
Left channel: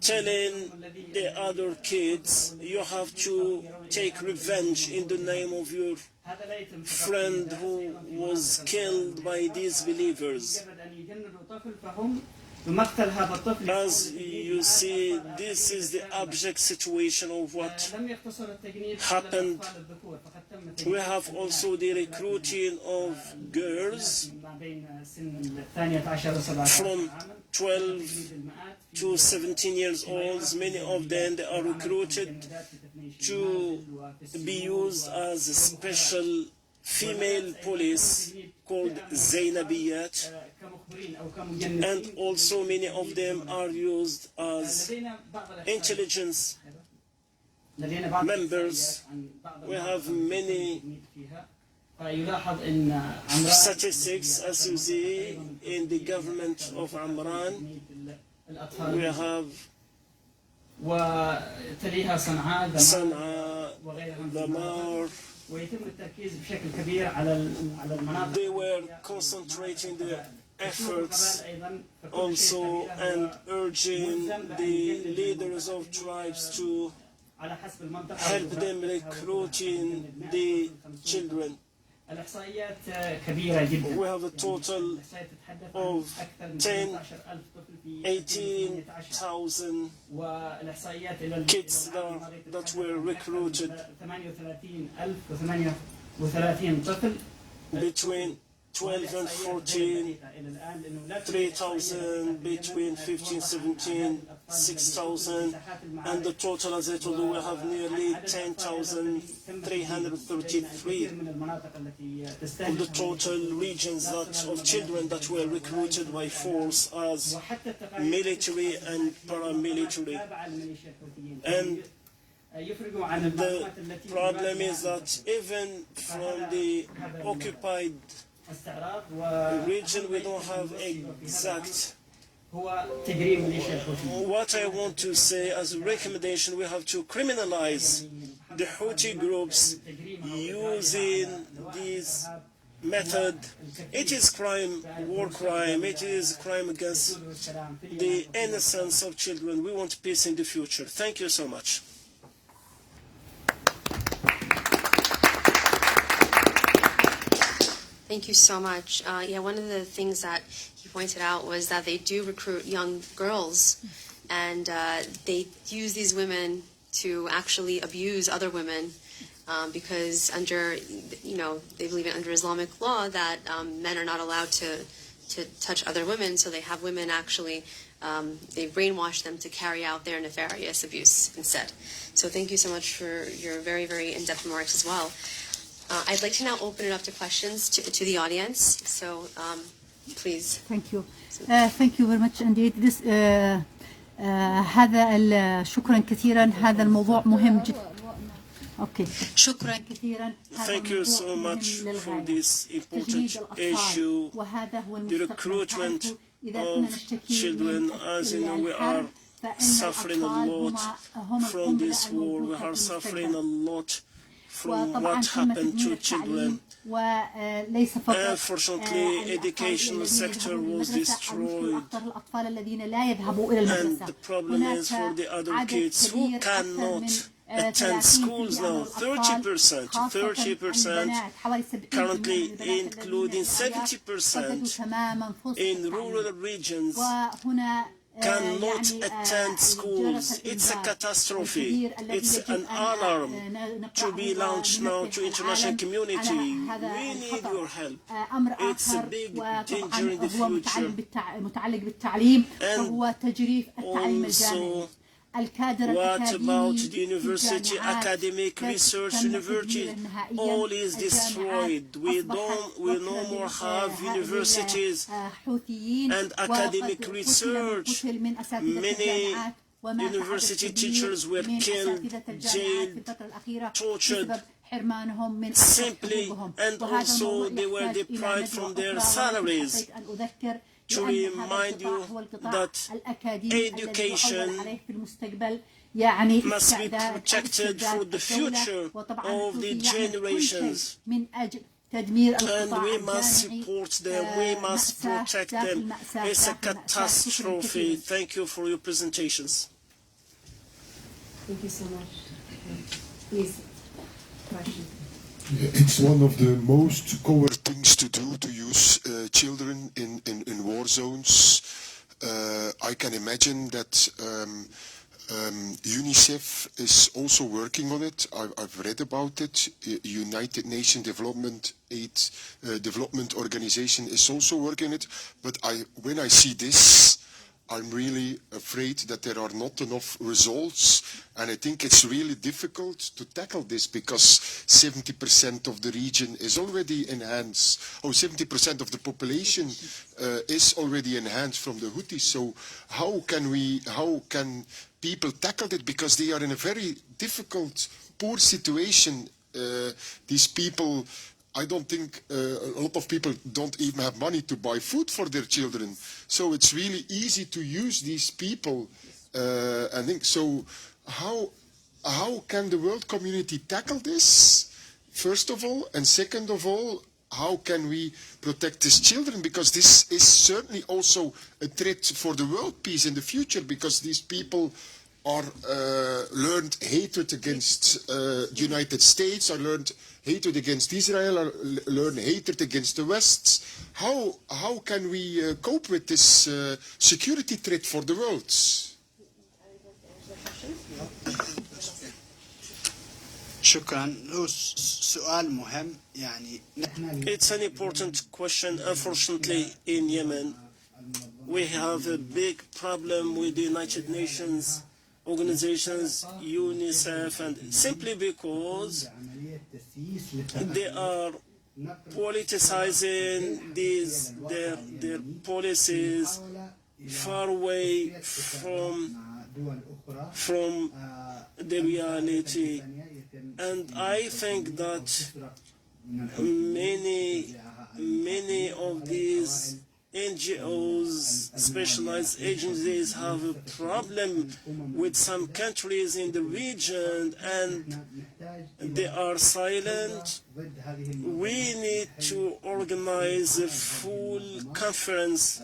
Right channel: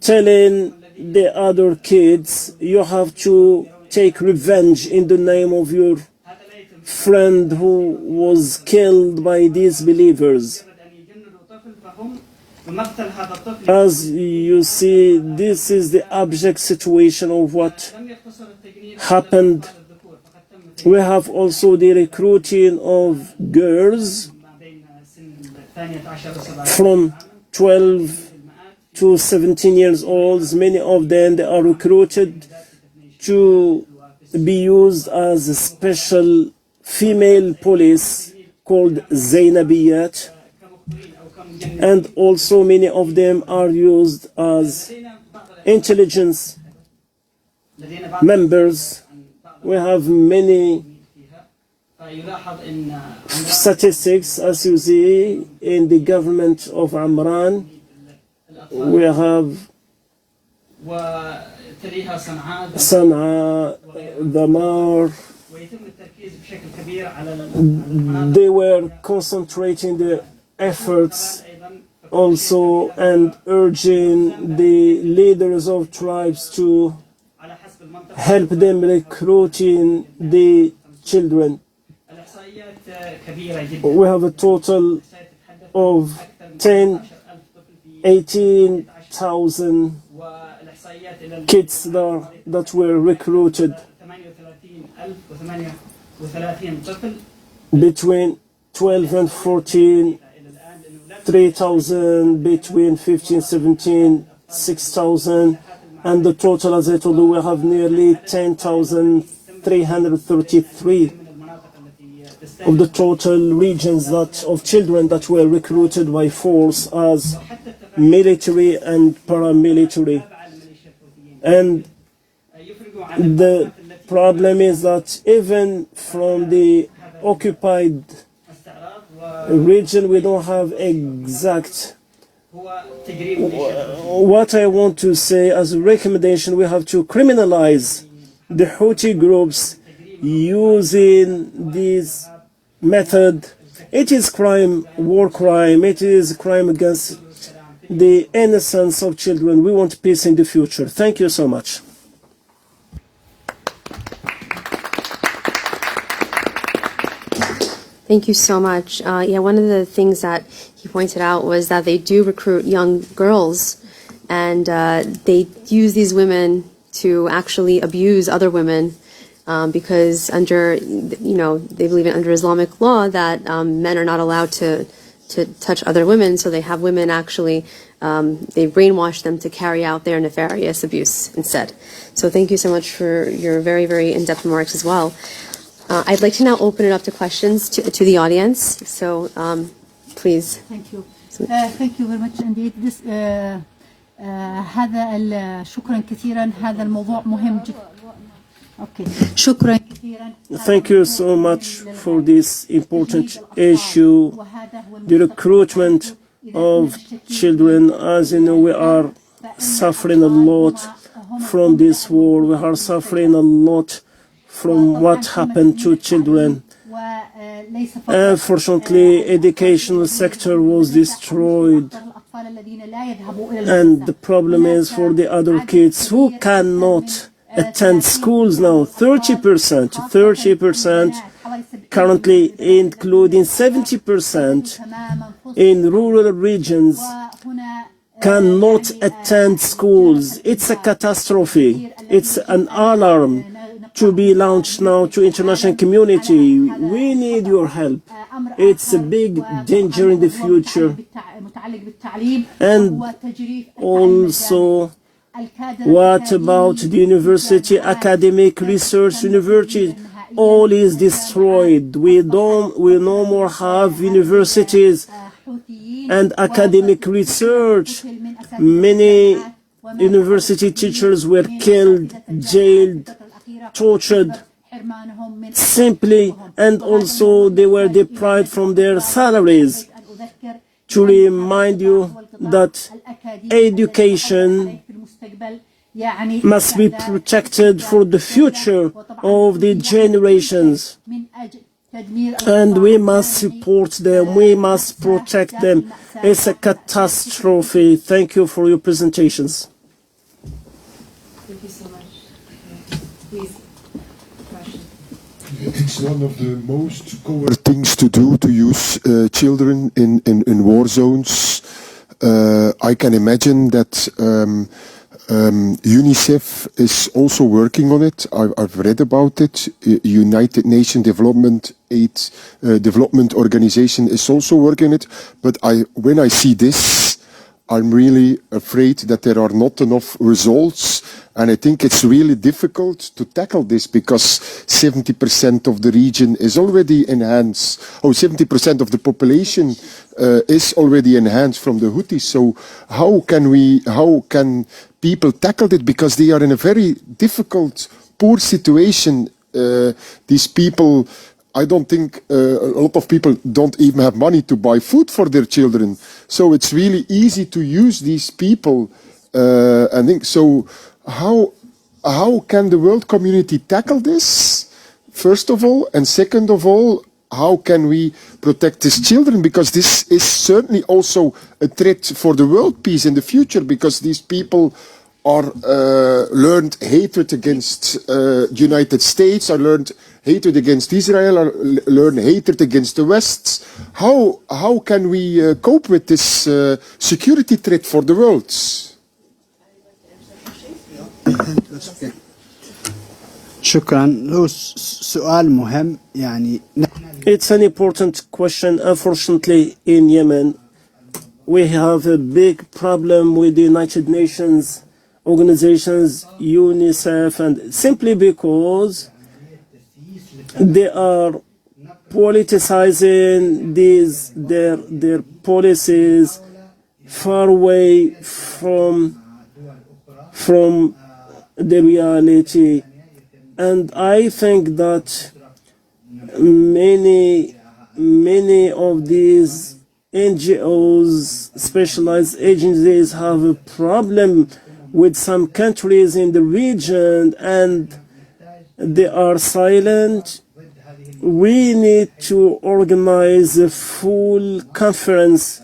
telling the other kids, you have to take revenge in the name of your friend who was killed by these believers. As you see, this is the abject situation of what happened. We have also the recruiting of girls from 12 to 17 years old. Many of them, they are recruited to be used as a special female police called Zainabiyat, and also many of them are used as intelligence members. We have many statistics, as you see, in the government of Amran. We have Sana'a, Damar. They were concentrating their efforts also and urging the leaders of tribes to help them recruiting the children. We have a total of 18,000 kids that were recruited between 12 and 14, 3,000 between 15, 17, 6,000, and the total, as I told you, we have nearly 10,333 of the total regions of children that were recruited by force as military and paramilitary. And the problem is that even from the occupied region, we don't have exact. What I want to say as a recommendation, we have to criminalize the Houthi groups using this method. It is crime, war crime, it is crime against the innocence of children. We want peace in the future. Thank you so much. Thank you so much. Yeah, one of the things that he pointed out was that they do recruit young girls, and they use these women to actually abuse other women because under, they believe under Islamic law that men are not allowed to touch other women, so they have women actually, they brainwash them to carry out their nefarious abuse instead. So thank you so much for your very, very in-depth remarks as well. I'd like to now open it up to questions to the audience. So, please. Thank you. Thank you very much indeed. This, شكرا كثيرا. هذا الموضوع مهم جدا. Okay. شكرا كثيرا. Thank you so much for this important issue, the recruitment of children. As you know, we are suffering a lot from this war. We are suffering a lot from what happened to children. Unfortunately, educational sector was destroyed, and the problem is for the other kids who cannot attend schools now. 30%, currently including 70% in rural regions cannot attend schools. It's a catastrophe. It's an alarm to be launched now to international community. We need your help. It's a big danger in the future. And also, what about the university, academic research university? All is destroyed. We no more have universities and academic research. Many university teachers were killed, jailed, tortured simply, and also they were deprived from their salaries. To remind you that education must be protected for the future of the generations. And we must support them, we must protect them. It's a catastrophe. Thank you for your presentations. Thank you so much. Please, question. It's one of the most coward things to do, to use children in war zones. I can imagine that UNICEF is also working on it. I've read about it. United Nations Development Organization is also working on it. But when I see this, I'm really afraid that there are not enough results, and I think it's really difficult to tackle this because 70% of the region is already in hands. 70% of the population is already in hands from the Houthis. So how can people tackle it? Because they are in a very difficult, poor situation. These people, I don't think a lot of people don't even have money to buy food for their children. So it's really easy to use these people. I think so. How can the world community tackle this? First of all, and second of all, how can we protect these children? Because this is certainly also a threat for the world peace in the future. Because these people are learned hatred against United States, are learned hatred against Israel, or learn hatred against the West. How can we cope with this security threat for the world? شكرا. هو سؤال مهم يعني. It's an important question. Unfortunately, in Yemen, we have a big problem with the United Nations organizations, UNICEF, and simply because they are politicizing their policies, far away from the reality. And I think that many of these NGOs, specialized agencies, have a problem with some countries in the region and they are silent. We need to organize a full conference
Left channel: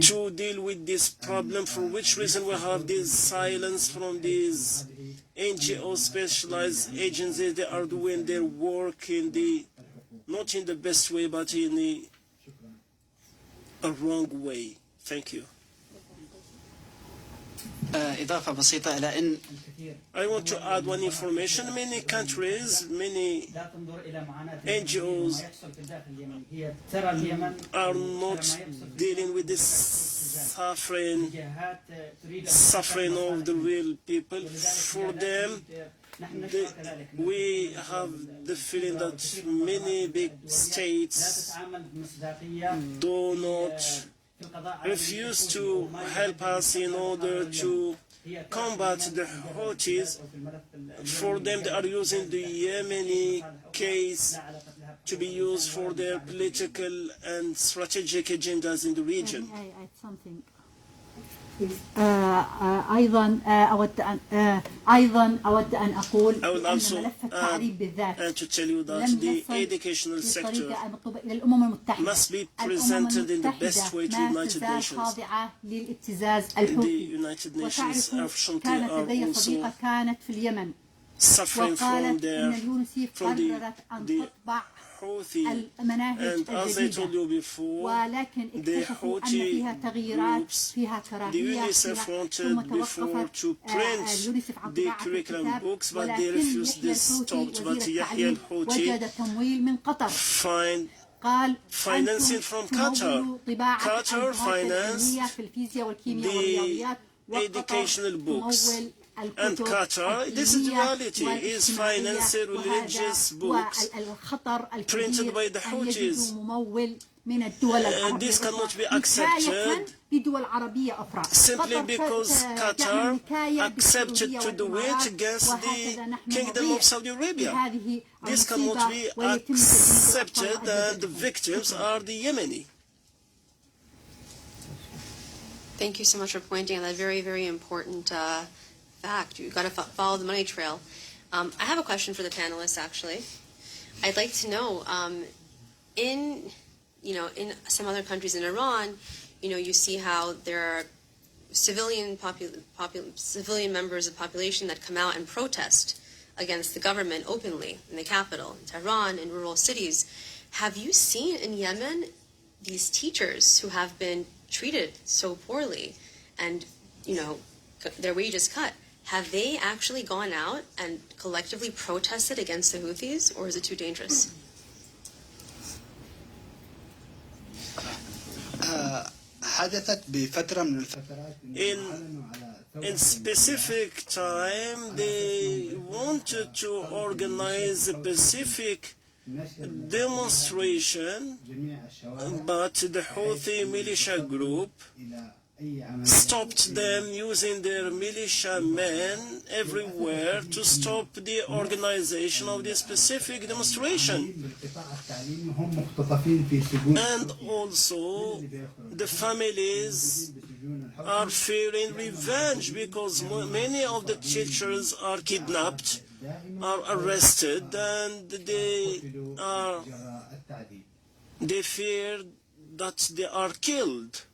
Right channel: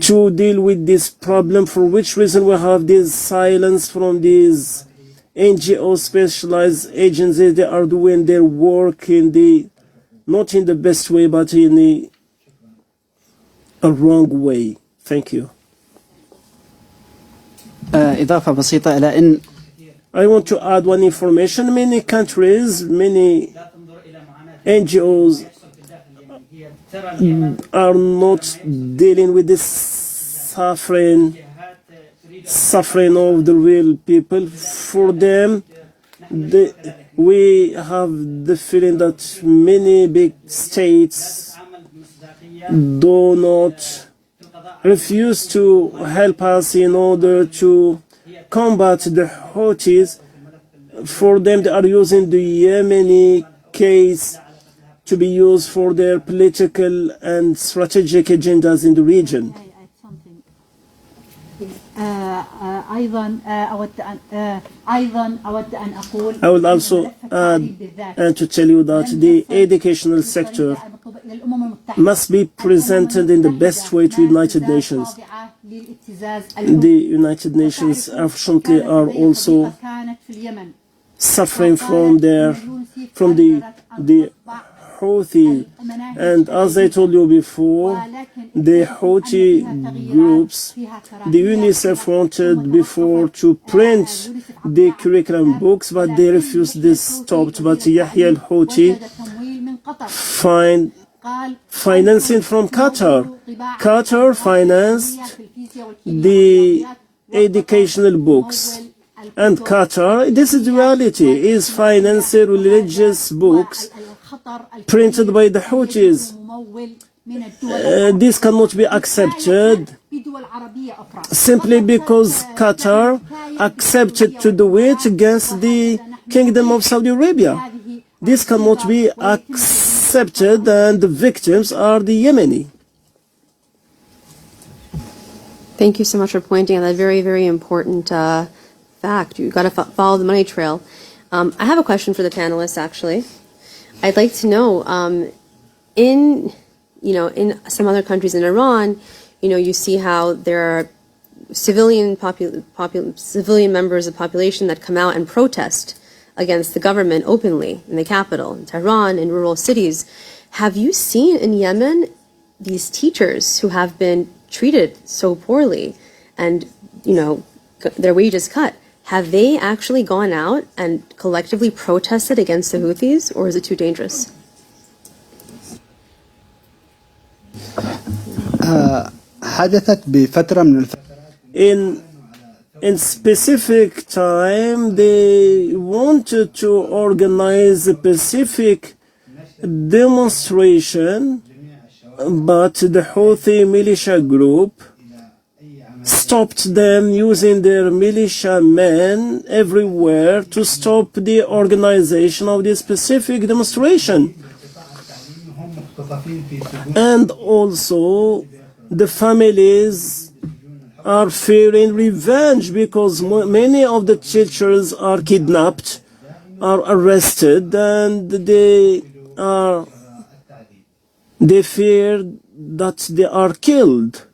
to deal with this problem, for which reason we have this silence from these NGO specialized agencies. They are doing their work not in the best way, but in a wrong way. Thank you. إضافة بسيطة إلى أن I want to add one information. Many countries, many NGOs are not dealing with this suffering of the real people. For them, we have the feeling that many big states do not refuse to help us in order to combat the Houthis. For them, they are using the Yemeni case to be used for their political and strategic agendas in the region. أيضا أود أن أقول I will also add and to tell you that the educational sector must be presented in the best way to United Nations. The United Nations unfortunately are also suffering from the Houthi, and as I told you before, the Houthi groups, the UNICEF wanted before to print the curriculum books, but they refused this, stopped. But Yahya al-Houthi find financing from Qatar. Qatar financed the educational books. And Qatar, this is the reality, is financing religious books printed by the Houthis. This cannot be accepted simply because Qatar accepted to do it against the Kingdom of Saudi Arabia. This cannot be accepted, and the victims are the Yemeni. Thank you so much for pointing out that very, very important fact. You've got to follow the money trail. I have a question for the panelists, actually. I'd like to know, in some other countries in Iran, you see how there are civilian members of the population that come out and protest against the government openly in the capital, in Tehran, in rural cities. Have you seen in Yemen these teachers who have been treated so poorly and, their wages cut? Have they actually gone out and collectively protested against the Houthis, or is it too dangerous? حدثت بفترة من الفترات In specific time, they wanted to organize a specific demonstration, but the Houthi militia group stopped them using their militia men everywhere to stop the organization of this specific demonstration. And also, the families are fearing revenge because many of the teachers are kidnapped, are arrested, and they fear that they are killed.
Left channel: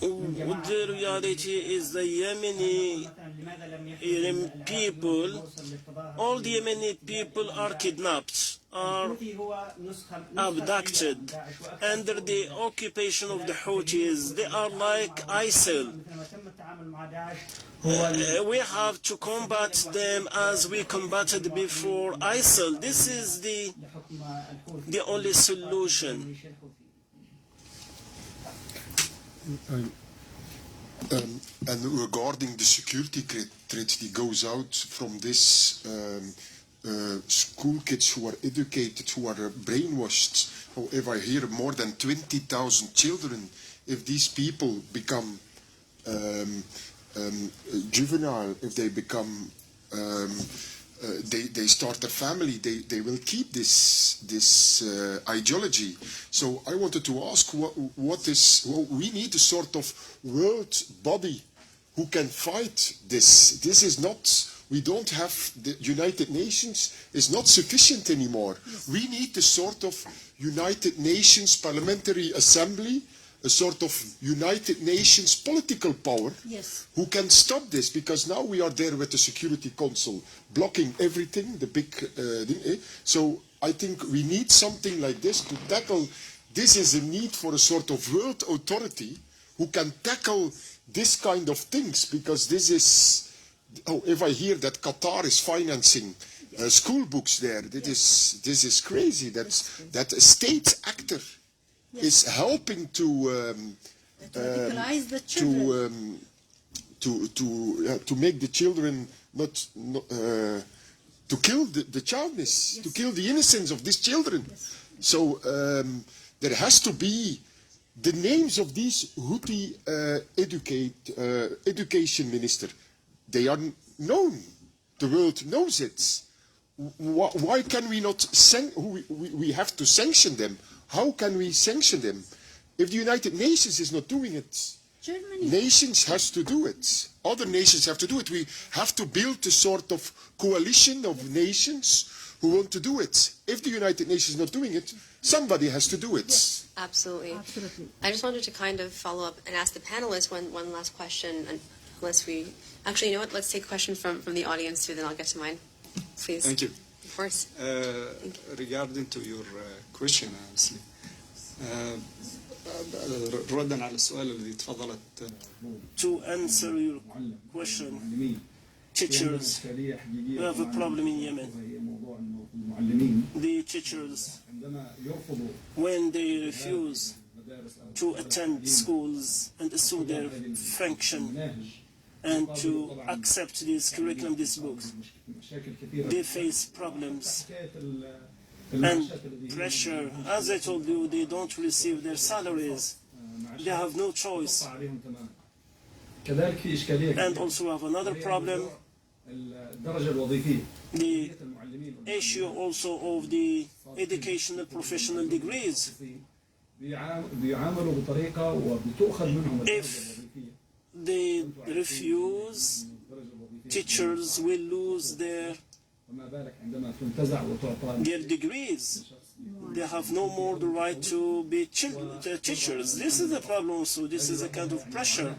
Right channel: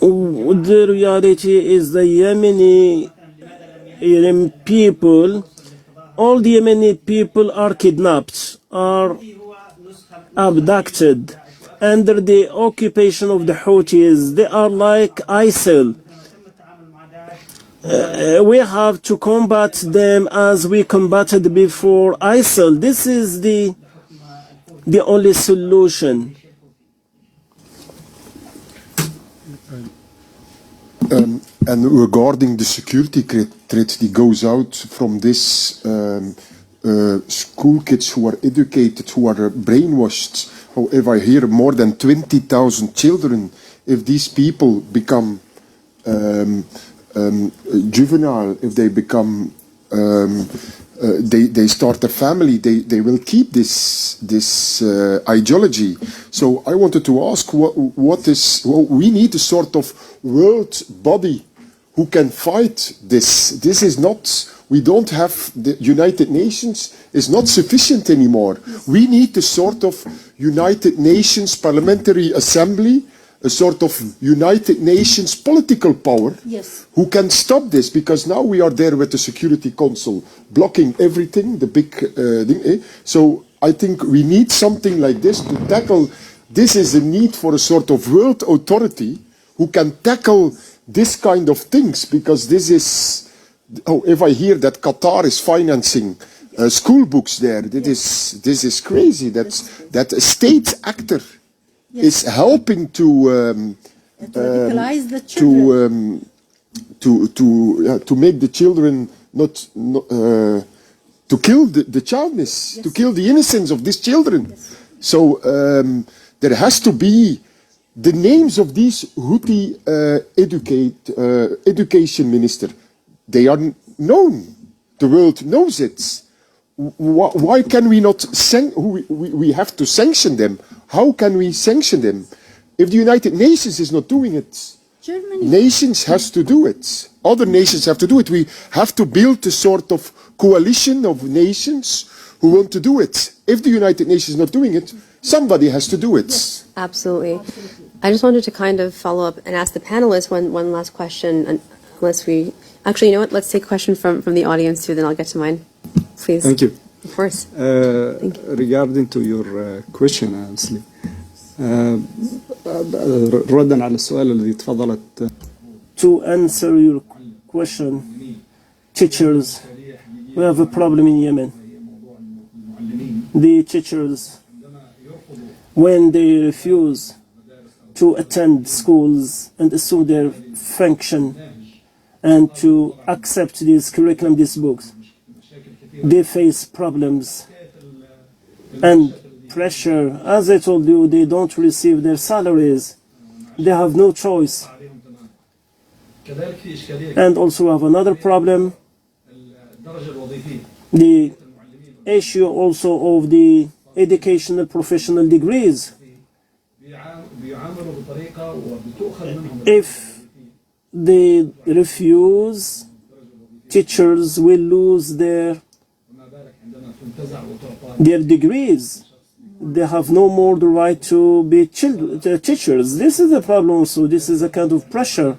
The reality is the Yemeni people, all the Yemeni people are kidnapped, are abducted under the occupation of the Houthis. They are like ISIL. We have to combat them as we combated before ISIL. This is the only solution. And regarding the security threat that goes out from this school kids who are educated, who are brainwashed. However, I hear more than 20,000 children, if these people become juvenile, if they become they start a family, they will keep this ideology. So I wanted to ask, we need a sort of world body who can fight this. This is not, we don't have, the United Nations is not sufficient anymore. We need a sort of United Nations Parliamentary Assembly, a sort of United Nations political power who can stop this, because now we are there with the Security Council blocking everything, the big thing. So I think we need something like this to tackle. This is a need for a sort of world authority who can tackle this kind of things, because this is, if I hear that Qatar is financing school books there, this is crazy. That a state actor is helping to radicalize the children. to make the children not to kill the childness, to kill the innocence of these children. So there has to be the names of these Houthi education minister. They are known. The world knows it. Why can we not we have to sanction them? How can we sanction them? If the United Nations is not doing it, Germany. nations has to do it. Other nations have to do it. We have to build a sort of coalition of nations who want to do it. If the United Nations is not doing it, somebody has to do it. Absolutely. I just wanted to kind of follow up and ask the panelists one last question, unless we... Actually, you know what? Let's take a question from the audience too, then I'll get to mine. Please. Thank you. Of course. Regarding to your question, honestly, ردا على السؤال الذي تفضلت. To answer your question, teachers, we have a problem in Yemen. The teachers, when they refuse to attend schools and assume their function and to accept this curriculum, these books, they face problems and pressure. As I told you, they don't receive their salaries. They have no choice. And also have another problem, the issue also of the educational professional degrees. If they refuse, teachers will lose their degrees. They have no more the right to be teachers. This is the problem also. This is a kind of pressure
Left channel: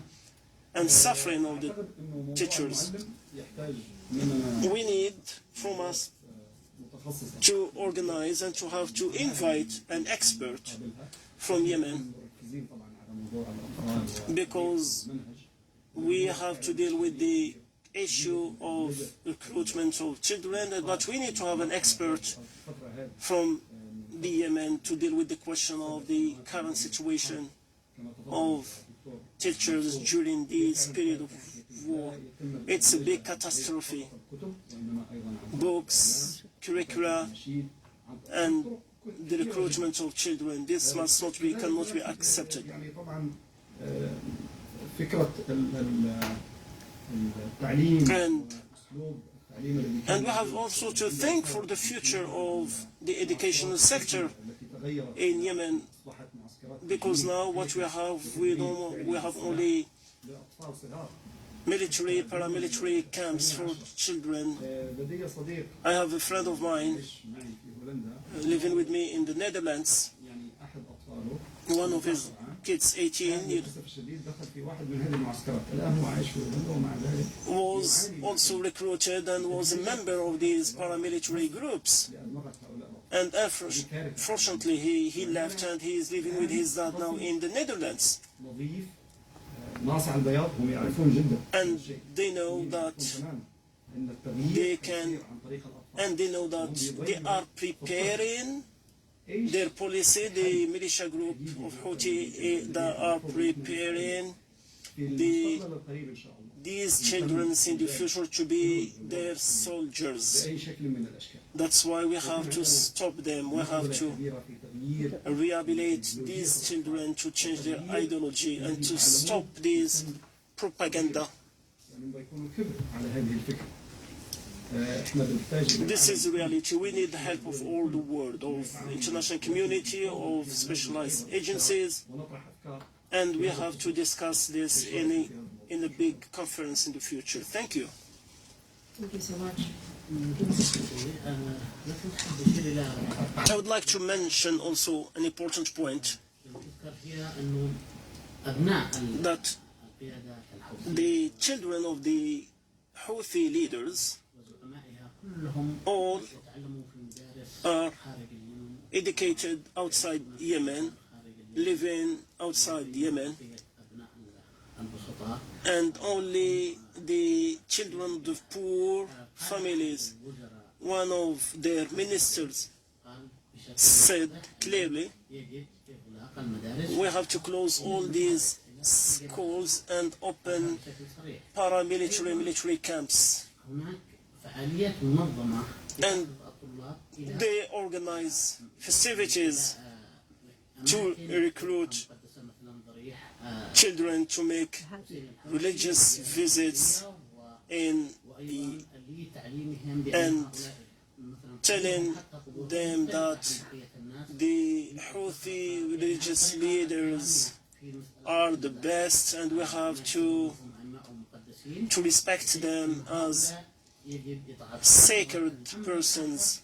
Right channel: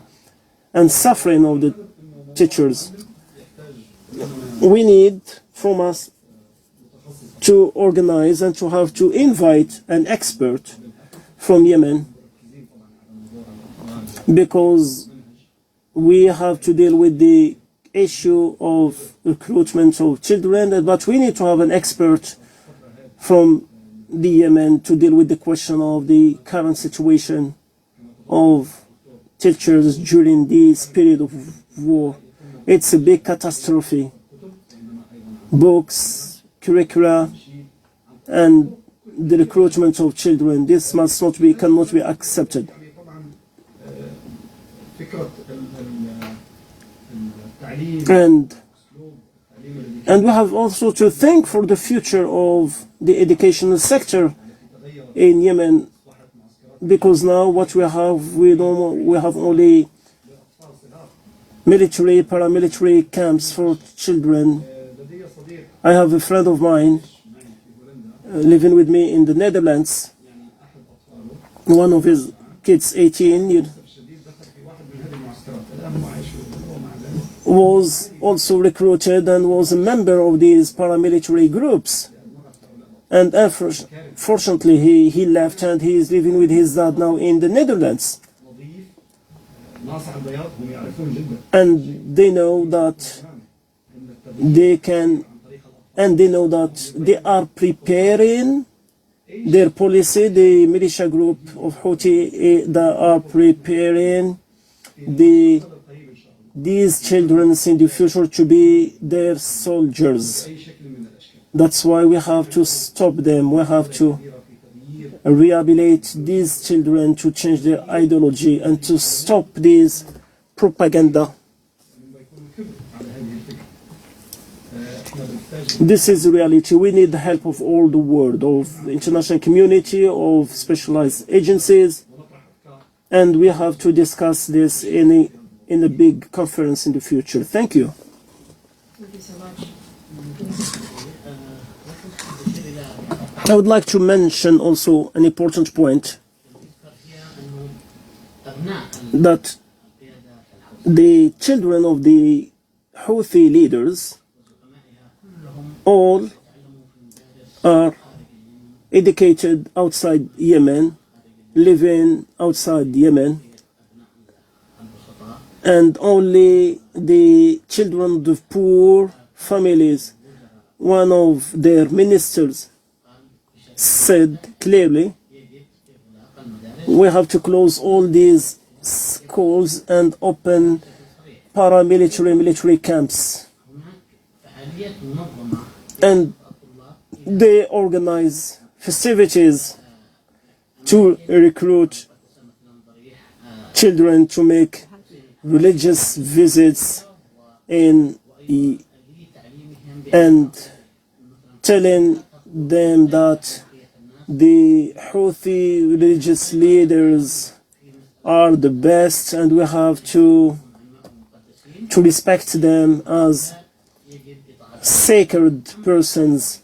and suffering of the teachers. We need from us to organize and to have to invite an expert from Yemen, because we have to deal with the issue of recruitment of children, but we need to have an expert from the Yemen to deal with the question of the current situation of teachers during this period of war. It's a big catastrophe. Books, curricula, and the recruitment of children. This must not be, cannot be accepted. And we have also to think for the future of the educational sector in Yemen, because now what we have, we have only military, paramilitary camps for children. I have a friend of mine living with me in the Netherlands. One of his kids, 18, was also recruited and was a member of these paramilitary groups. And fortunately, he left and he is living with his dad now in the Netherlands. And they know that they can, and they know that they are preparing their policy. The militia group of Houthi, they are preparing these children in the future to be their soldiers. That's why we have to stop them. We have to rehabilitate these children to change their ideology and to stop this propaganda. This is reality. We need the help of all the world, of the international community, of specialized agencies, and we have to discuss this in a big conference in the future. Thank you. Thank you so much. I would like to mention also an important point, that the children of the Houthi leaders all are educated outside Yemen, living outside Yemen, and only the children of the poor families. One of their ministers said clearly, we have to close all these schools and open military camps. And they organize festivities to recruit children to make religious visits and telling them that the Houthi religious leaders are the best and we have to respect them as sacred persons,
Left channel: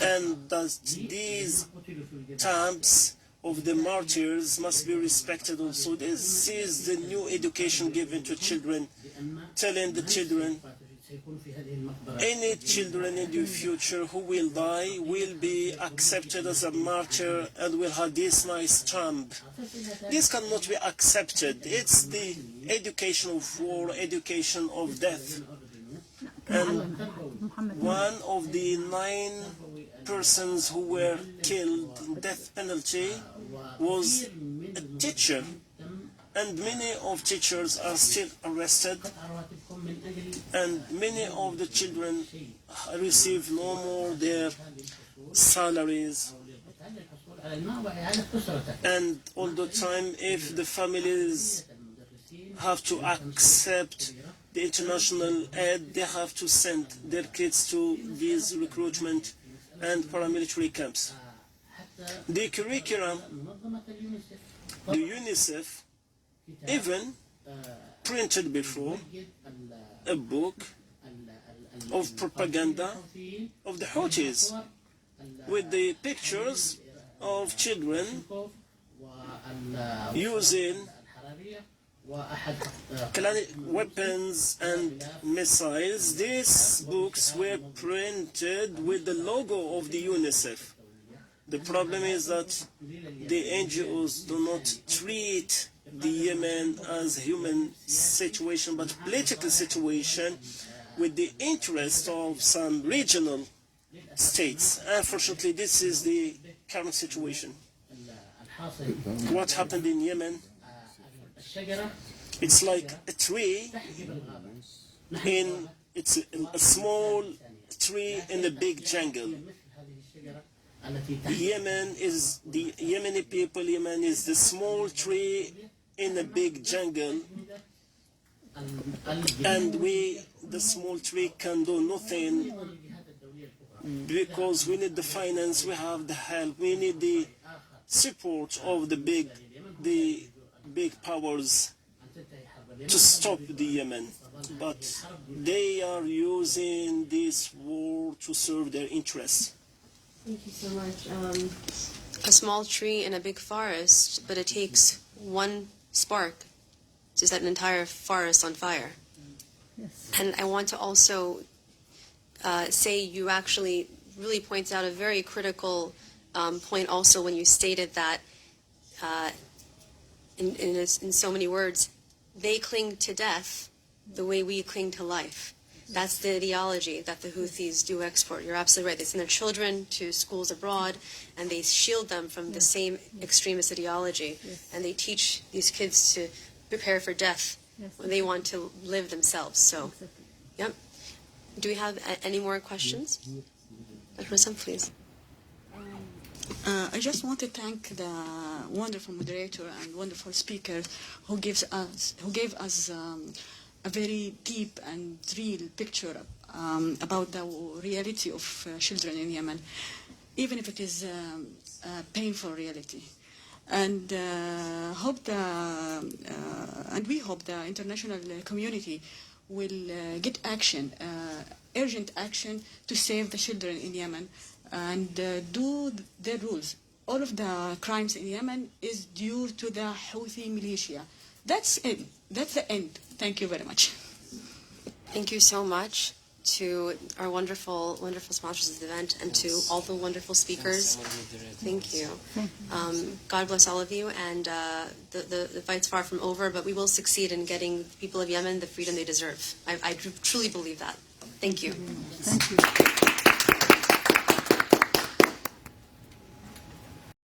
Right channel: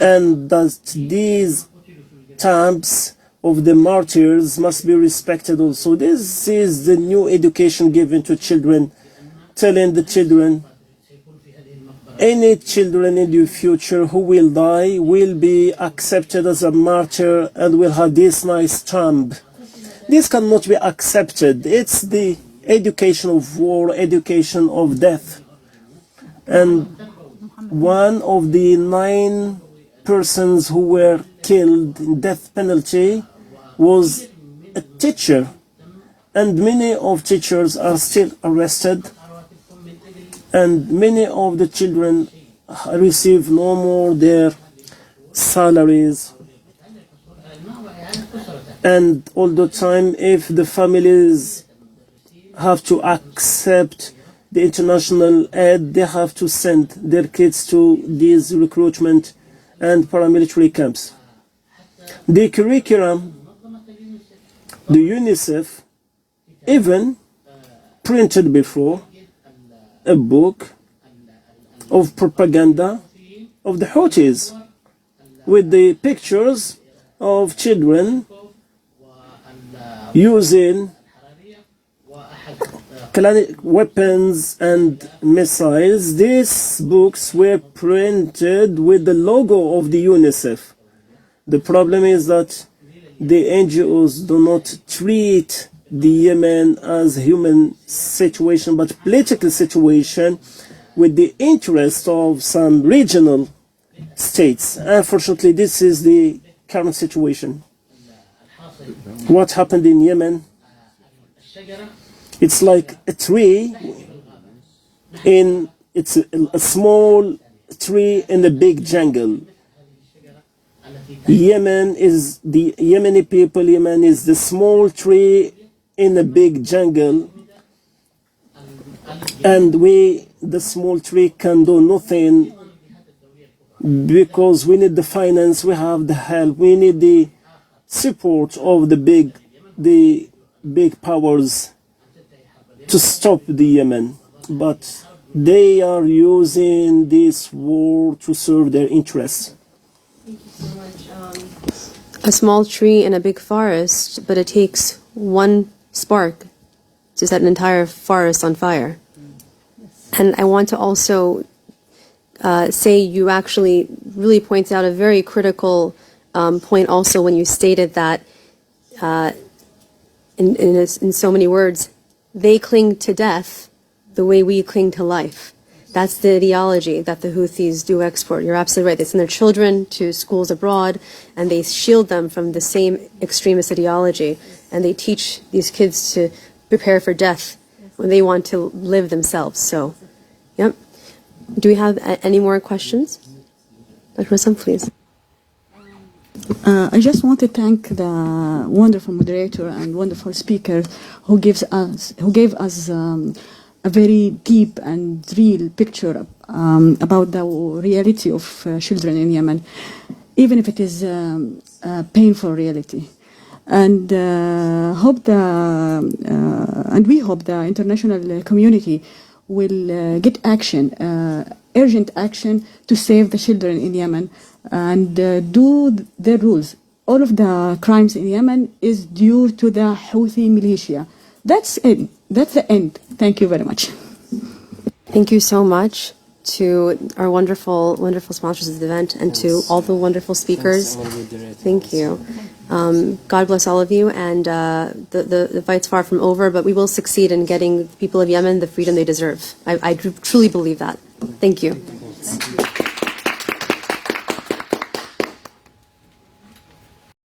and that these tombs of the martyrs must be respected also. This is the new education given to children, telling the children, any children in the future who will die will be accepted as a martyr and will have this nice tomb. This cannot be accepted. It's the education of war, education of death. And one of the 9 persons who were killed in death penalty was a teacher, and many of teachers are still arrested, and many of the children receive no more their salaries. And all the time, if the families have to accept the international aid, they have to send their kids to these recruitment and paramilitary camps. The curriculum, the UNICEF even printed before a book of propaganda of the Houthis with the pictures of children using weapons and missiles. These books were printed with the logo of the UNICEF. The problem is that the NGOs do not treat the Yemen as a human situation, but political situation with the interest of some regional states. Unfortunately, this is the current situation. What happened in Yemen? It's like a tree it's a small tree in a big jungle. Yemen is the Yemeni people. Yemen is the small tree in a big jungle, and the small tree can do nothing because we need the finance, we have the help, we need the support of the big powers to stop the Yemen. But they are using this war to serve their interests. Thank you so much. A small tree in a big forest, but it takes one spark to set an entire forest on fire. And I want to also say you actually really points out a very critical point also when you stated that in so many words, they cling to death the way we cling to life. That's the ideology that the Houthis do export. You're absolutely right. They send their children to schools abroad, and they shield them from the same extremist ideology. And they teach these kids to prepare for death when they want to live themselves. So, yep. Do we have any more questions? Dr. Hassan, please. I just want to thank the wonderful moderator and wonderful speaker who gave us a very deep and real picture about the reality of children in Yemen, even if it is a painful reality. And we hope the international community will get action, urgent action to save the children in Yemen and do their rules. All of the crimes in Yemen is due to the Houthi militia. That's it. That's the end. Thank you very much. Thank you so much to our wonderful, wonderful sponsors of the event and to all the wonderful speakers. Thank you. God bless all of you. And the fight's far from over, but we will succeed in getting the people of Yemen the freedom they deserve. I truly believe that. Thank you. Thank you.